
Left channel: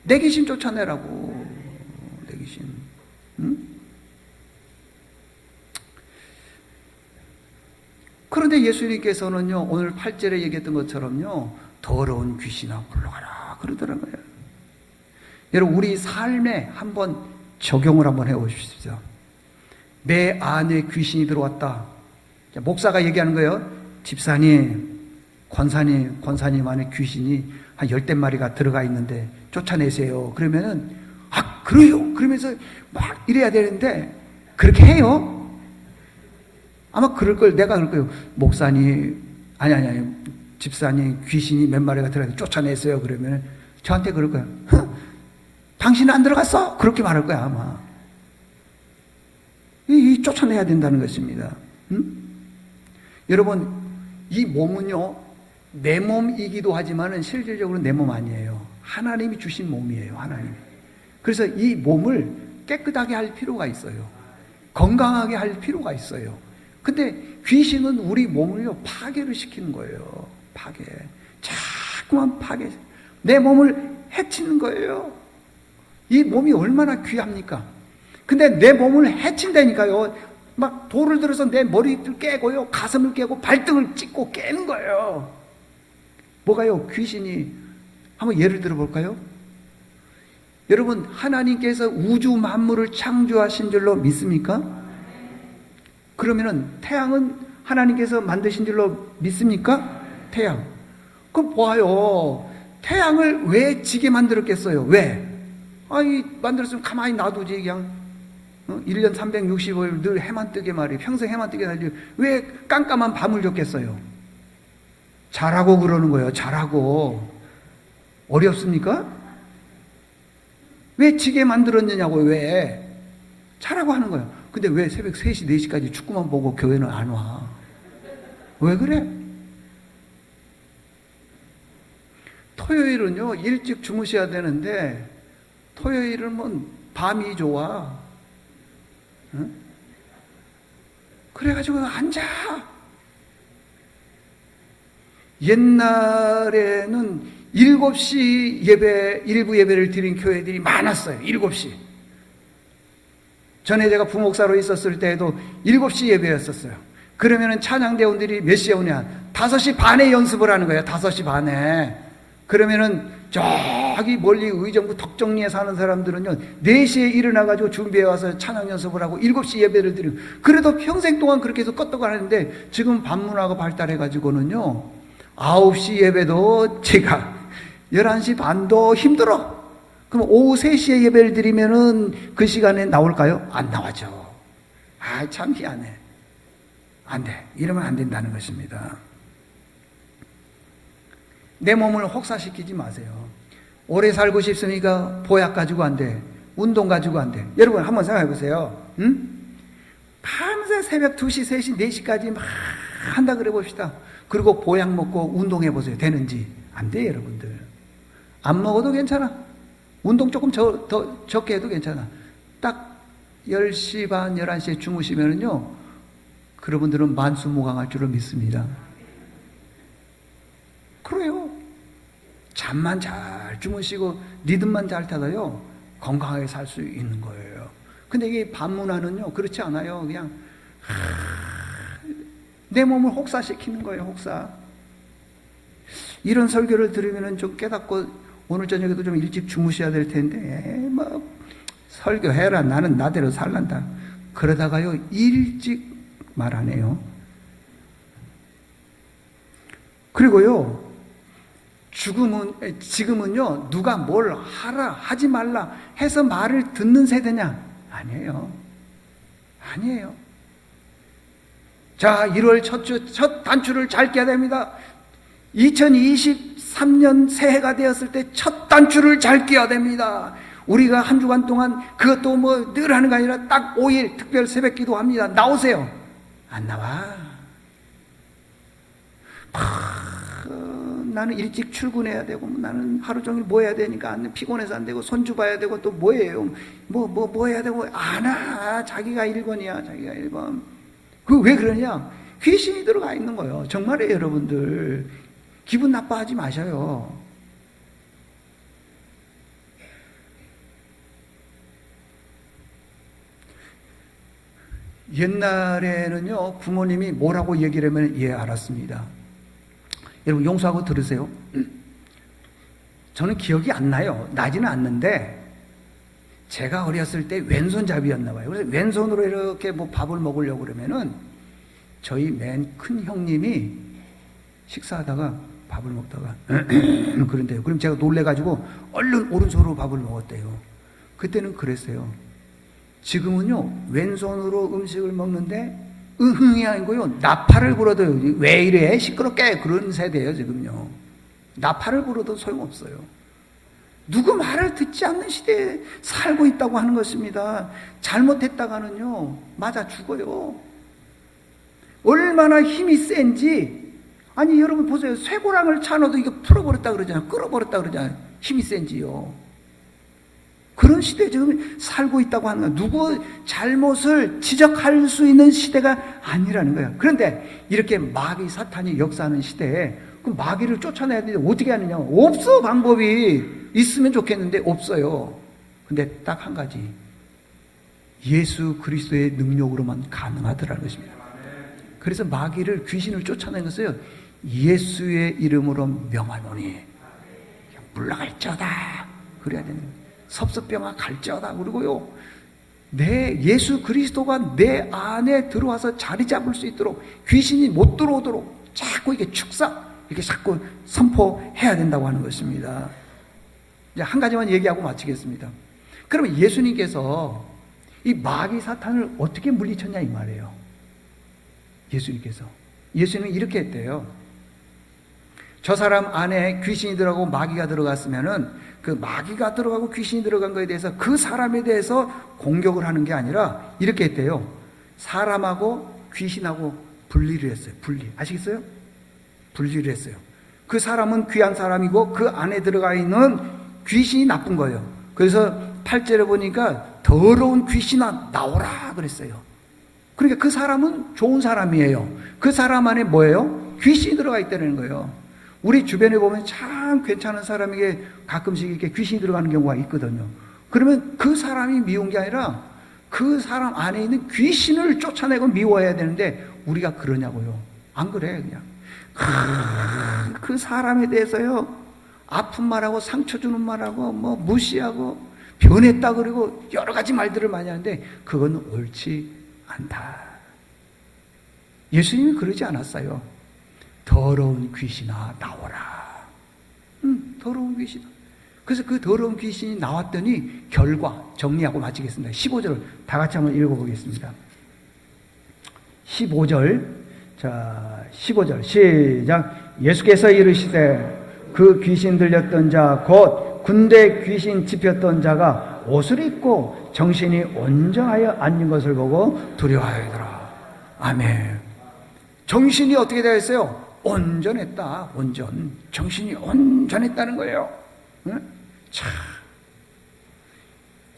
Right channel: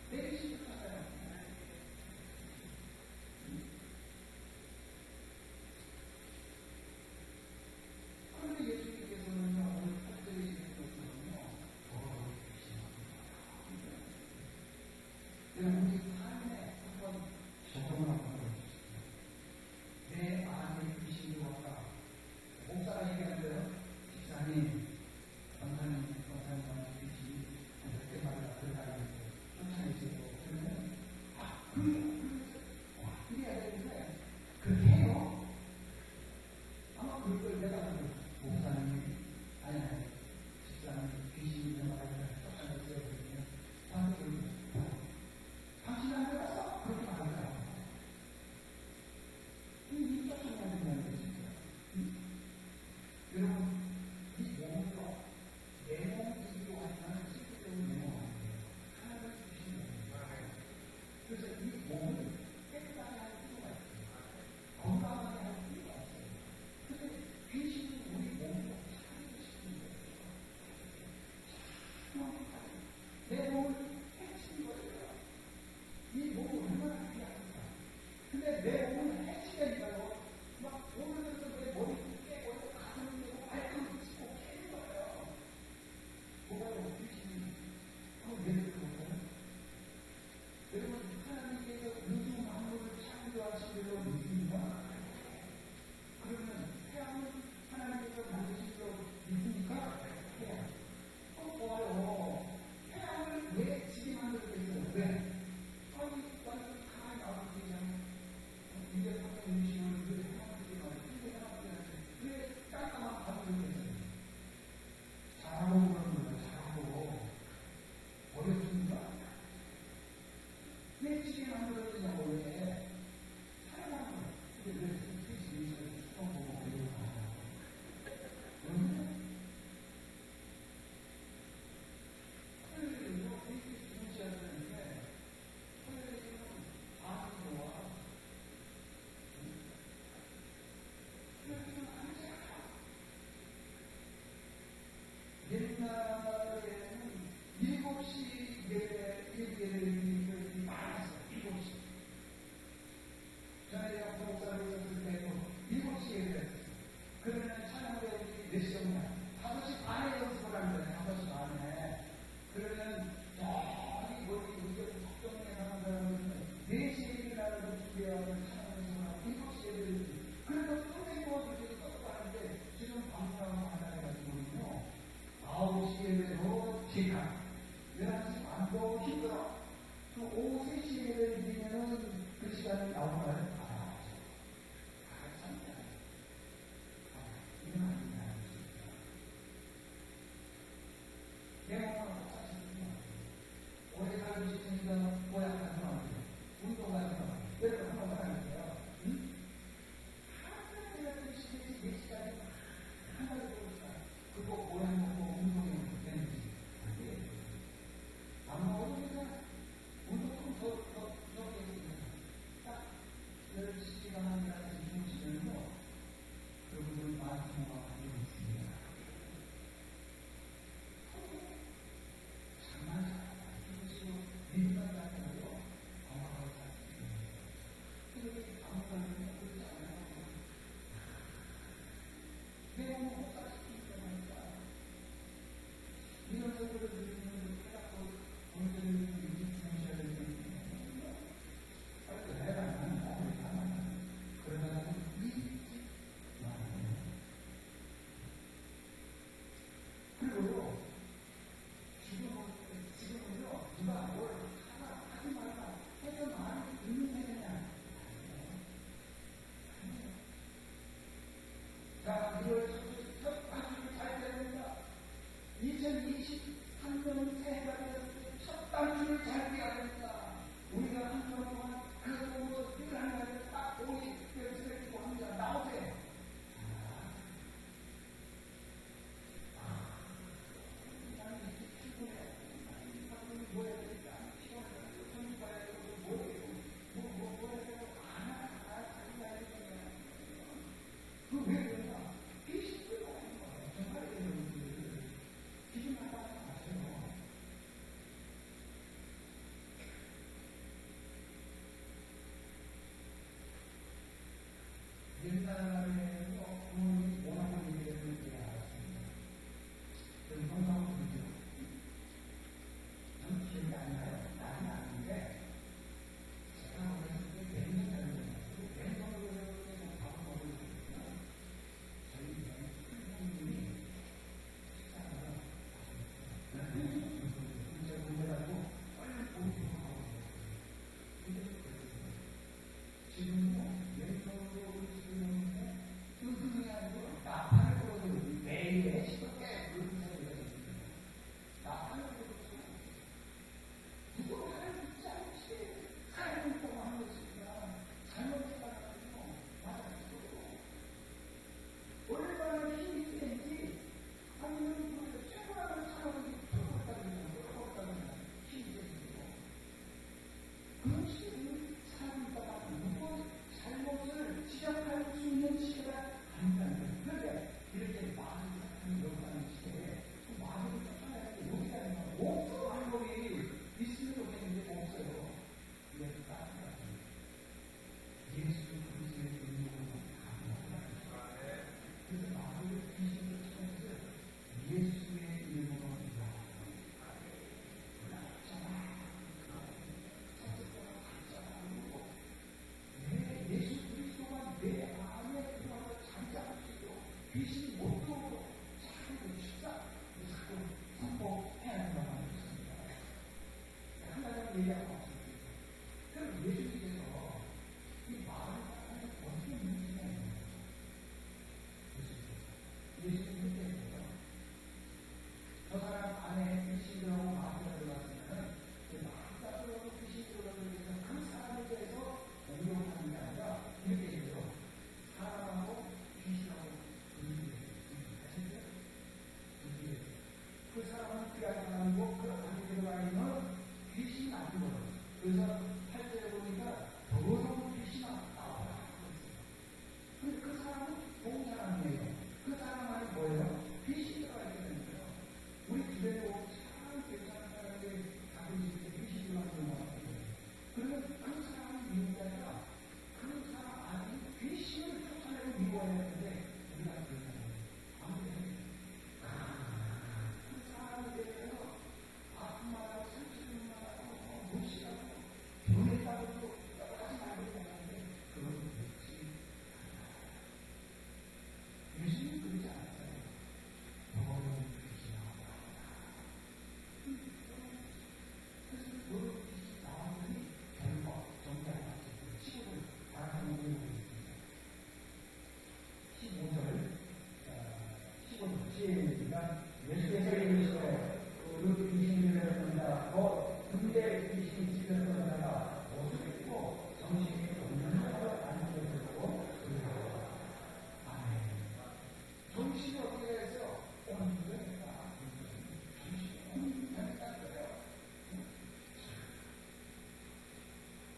내 귀신 쫓아내라고. 내 귀신. 응? 그런데 예수님께서는요, 오늘 8절에 얘기했던 것처럼요, 더러운 귀신아 물러가라 그러더라고요. 여러분, 우리 삶에 한번 적용을 한번 해보십시오. 내 안에 귀신이 들어왔다. 목사가 얘기하는 거예요. 집사님, 권사님 안에 귀신이 한 10대마리가 들어가 있는데 쫓아내세요. 그러면은, 아, 그래요? 그러면서 막 이래야 되는데, 그렇게 해요? 아마 그럴 걸, 내가 그럴 거예요. 목사님, 아니, 집사님, 귀신이 몇 마리가 들어가 있는데 쫓아내세요. 그러면 저한테 그럴 거예요. 당신은 안 들어갔어? 그렇게 말할 거야, 아마. 이 쫓아내야 된다는 것입니다. 응? 여러분, 이 몸은요, 내 몸이기도 하지만은 실질적으로 내 몸 아니에요. 하나님이 주신 몸이에요, 하나님. 그래서 이 몸을 깨끗하게 할 필요가 있어요. 건강하게 할 필요가 있어요. 근데 귀신은 우리 몸을요, 파괴를 시키는 거예요. 파괴. 자꾸만 파괴. 내 몸을 해치는 거예요. 이 몸이 얼마나 귀합니까? 근데 내 몸을 해친다니까요. 막 돌을 들어서 내 머리를 깨고요, 가슴을 깨고 발등을 찍고 깨는 거예요. 뭐가요? 귀신이. 한번 예를 들어 볼까요? 여러분, 하나님께서 우주 만물을 창조하신 줄로 믿습니까? 그러면은 태양은 하나님께서 만드신 줄로 믿습니까? 태양. 그럼 봐요. 태양을 왜 지게 만들었겠어요? 왜? 아니, 만들었으면 가만히 놔두지, 그냥. 1년 365일 늘 해만 뜨게 말이에요. 평생 해만 뜨게 말이에요. 왜 깜깜한 밤을 줬겠어요? 자라고 그러는 거예요. 자라고. 어렵습니까? 왜 지게 만들었느냐고. 왜? 자라고 하는 거예요. 근데 왜 새벽 3시, 4시까지 축구만 보고 교회는 안 와? 왜 그래? 토요일은요, 일찍 주무셔야 되는데 토요일은 뭐 밤이 좋아. 응? 그래가지고 앉아. 옛날에는 7시 예배, 일부 예배를 드린 교회들이 많았어요. 7시. 전에 제가 부목사로 있었을 때에도 7시 예배였었어요. 그러면은 찬양대원들이 몇 시에 오냐? 5시 반에 연습을 하는 거예요. 5시 반에. 그러면은 저기 멀리 의정부 덕정리에 사는 사람들은요, 4시에 일어나가지고 준비해 와서 찬양 연습을 하고 7시 예배를 드리고, 그래도 평생 동안 그렇게 해서 껐다고 하는데, 지금 밤문화가 발달해가지고는요, 9시 예배도 제가 11시 반도 힘들어. 그럼 오후 3시에 예배를 드리면은 그 시간에 나올까요? 안 나와죠. 아, 참 희한해. 안 돼. 이러면 안 된다는 것입니다. 내 몸을 혹사시키지 마세요. 오래 살고 싶으니까 보약 가지고 안 돼. 운동 가지고 안 돼. 여러분 한번 생각해 보세요. 응? 밤새 새벽 2시, 3시, 4시까지 막 한다 그래 봅시다. 그리고 보약 먹고 운동해 보세요. 되는지. 안 돼, 여러분들. 안 먹어도 괜찮아. 운동 조금 더 적게 해도 괜찮아. 딱 10시 반, 11시에 주무시면은요, 그분들은 만수무강할 줄을 믿습니다. 그래요. 잠만 잘 주무시고 리듬만 잘 타서요 건강하게 살 수 있는 거예요. 근데 이게 반문화는요 그렇지 않아요. 그냥 내 몸을 혹사시키는 거예요. 혹사. 이런 설교를 들으면 좀 깨닫고 오늘 저녁에도 좀 일찍 주무셔야 될 텐데 뭐 설교해라 나는 나대로 살란다 그러다가요 일찍 말 안 해요. 그리고요 지금은요 누가 뭘 하라 하지 말라 해서 말을 듣는 세대냐? 아니에요. 아니에요. 자, 1월 첫 단추를 잘 깨야 됩니다. 2023년 새해가 되었을 때 첫 단추를 잘 깨야 됩니다. 우리가 한 주간 동안 그것도 뭐 늘 하는 게 아니라 딱 5일 특별 새벽 기도합니다. 나오세요. 안 나와. 나는 일찍 출근해야 되고 나는 하루 종일 뭐 해야 되니까 안 피곤해서 안 되고 손주 봐야 되고 또 뭐예요? 뭐 해야 되고 안 와. 자기가 1번이야. 자기가 1번. 그 왜 그러냐? 귀신이 들어가 있는 거예요. 정말이에요, 여러분들. 기분 나빠하지 마셔요. 옛날에는요 부모님이 뭐라고 얘기를 하면 예 알았습니다. 여러분 용서하고 들으세요. 저는 기억이 안 나요. 나지는 않는데 제가 어렸을 때 왼손잡이였나 봐요. 그래서 왼손으로 이렇게 뭐 밥을 먹으려고 그러면은 저희 맨 큰 형님이 식사하다가 밥을 먹다가 그런데요. 그럼 제가 놀래가지고 얼른 오른손으로 밥을 먹었대요. 그때는 그랬어요. 지금은요 왼손으로 음식을 먹는데 흥이 아니고요 나팔을 불어도 왜 이래 시끄럽게 그런 세대예요. 지금요 나팔을 불어도 소용없어요. 누구 말을 듣지 않는 시대에 살고 있다고 하는 것입니다. 잘못했다가는요 맞아 죽어요. 얼마나 힘이 센지. 아니 여러분 보세요. 쇠고랑을 차놓도 이거 풀어버렸다 그러잖아요. 끌어버렸다 그러잖아요. 힘이 센지요. 그런 시대에 지금 살고 있다고 하는 거예요. 누구 잘못을 지적할 수 있는 시대가 아니라는 거예요. 그런데 이렇게 마귀 사탄이 역사하는 시대에 그 마귀를 쫓아내야 되는데 어떻게 하느냐? 없어. 방법이 있으면 좋겠는데 없어요. 근데 딱 한 가지, 예수 그리스도의 능력으로만 가능하더라는 것입니다. 그래서 마귀를, 귀신을 쫓아낸 것을요 예수의 이름으로 명하노니 물러갈지어다 그래야 되는 거예요. 섭섭병아 갈지어다. 그리고요 내 예수 그리스도가 내 안에 들어와서 자리 잡을 수 있도록, 귀신이 못 들어오도록 자꾸 이게 이렇게 자꾸 선포해야 된다고 하는 것입니다. 이제 한 가지만 얘기하고 마치겠습니다. 그러면 예수님께서 이 마귀 사탄을 어떻게 물리쳤냐 이 말이에요. 예수님은 이렇게 했대요. 저 사람 안에 귀신이 들어가고 마귀가 들어갔으면은 그 마귀가 들어가고 귀신이 들어간 거에 대해서 그 사람에 대해서 공격을 하는 게 아니라 이렇게 했대요. 사람하고 귀신하고 분리를 했어요. 아시겠어요? 분리를 했어요. 그 사람은 귀한 사람이고 그 안에 들어가 있는 귀신이 나쁜 거예요. 그래서 8절에 보니까 더러운 귀신아 나오라 그랬어요. 그러니까 그 사람은 좋은 사람이에요. 그 사람 안에 뭐예요? 귀신이 들어가 있다는 거예요. 우리 주변에 보면 참 괜찮은 사람에게 가끔씩 이렇게 귀신이 들어가는 경우가 있거든요. 그러면 그 사람이 미운 게 아니라 그 사람 안에 있는 귀신을 쫓아내고 미워해야 되는데 우리가 그러냐고요. 안 그래. 그냥 그 사람에 대해서요 아픈 말하고 상처 주는 말하고 뭐 무시하고 변했다 그러고 여러 가지 말들을 많이 하는데 그건 옳지 않다. 예수님이 그러지 않았어요. 더러운 귀신아 나오라. 더러운 귀신. 그래서 그 더러운 귀신이 나왔더니 결과 정리하고 마치겠습니다. 15절 다 같이 한번 읽어보겠습니다. 15절. 자, 15절 시작. 예수께서 이르시되 그 귀신 들렸던 자 곧 군대 귀신 집혔던 자가 옷을 입고 정신이 온전하여 앉는 것을 보고 두려워하더라. 아멘. 정신이 어떻게 되어 있어요? 온전했다. 정신이 온전했다는 거예요. 응? 참,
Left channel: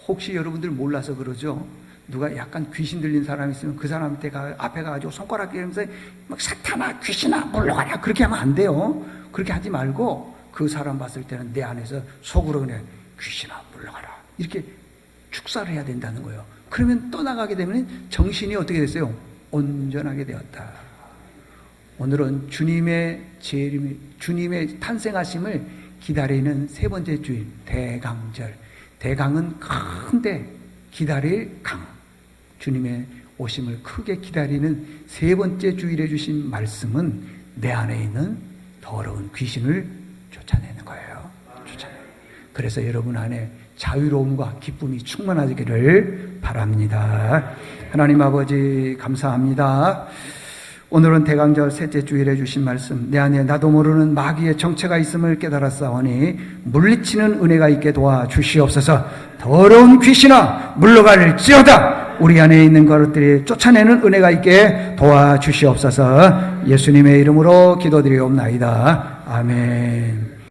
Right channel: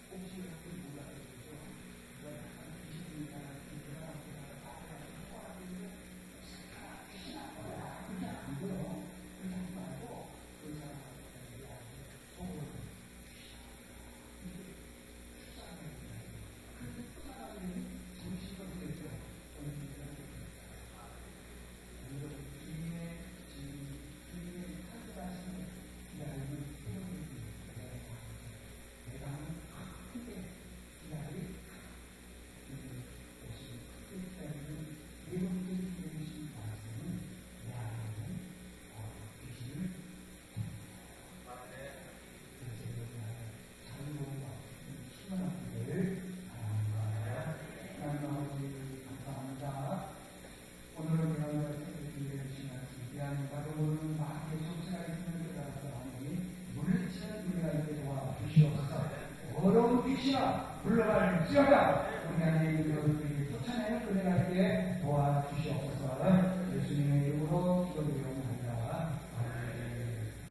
혹시 여러분들 몰라서 그러죠? 누가 약간 귀신 들린 사람이 있으면 그 사람한테 앞에 가가지고 손가락 끼면서 막 사탄아 귀신아 물러가라 그렇게 하면 안 돼요. 그렇게 하지 말고 그 사람 봤을 때는 내 안에서 속으로 그냥 귀신아 물러가라 이렇게 축사를 해야 된다는 거예요. 그러면 떠나가게 되면 정신이 어떻게 됐어요? 온전하게 되었다. 오늘은 주님의 재림, 주님의 탄생하심을 기다리는 세 번째 주일 대강절. 대강은 큰데 기다릴 강. 주님의 오심을 크게 기다리는 세 번째 주일에 주신 말씀은 내 안에 있는 더러운 귀신을 쫓아내는 거예요. 쫓아내는. 그래서 여러분 안에 자유로움과 기쁨이 충만하기를 바랍니다. 하나님 아버지 감사합니다. 오늘은 대강절 셋째 주일에 주신 말씀, 내 안에 나도 모르는 마귀의 정체가 있음을 깨달았사오니 물리치는 은혜가 있게 도와주시옵소서. 더러운 귀신아 물러갈지어다. 우리 안에 있는 것들이 쫓아내는 은혜가 있게 도와주시옵소서. 예수님의 이름으로 기도드리옵나이다. 아멘.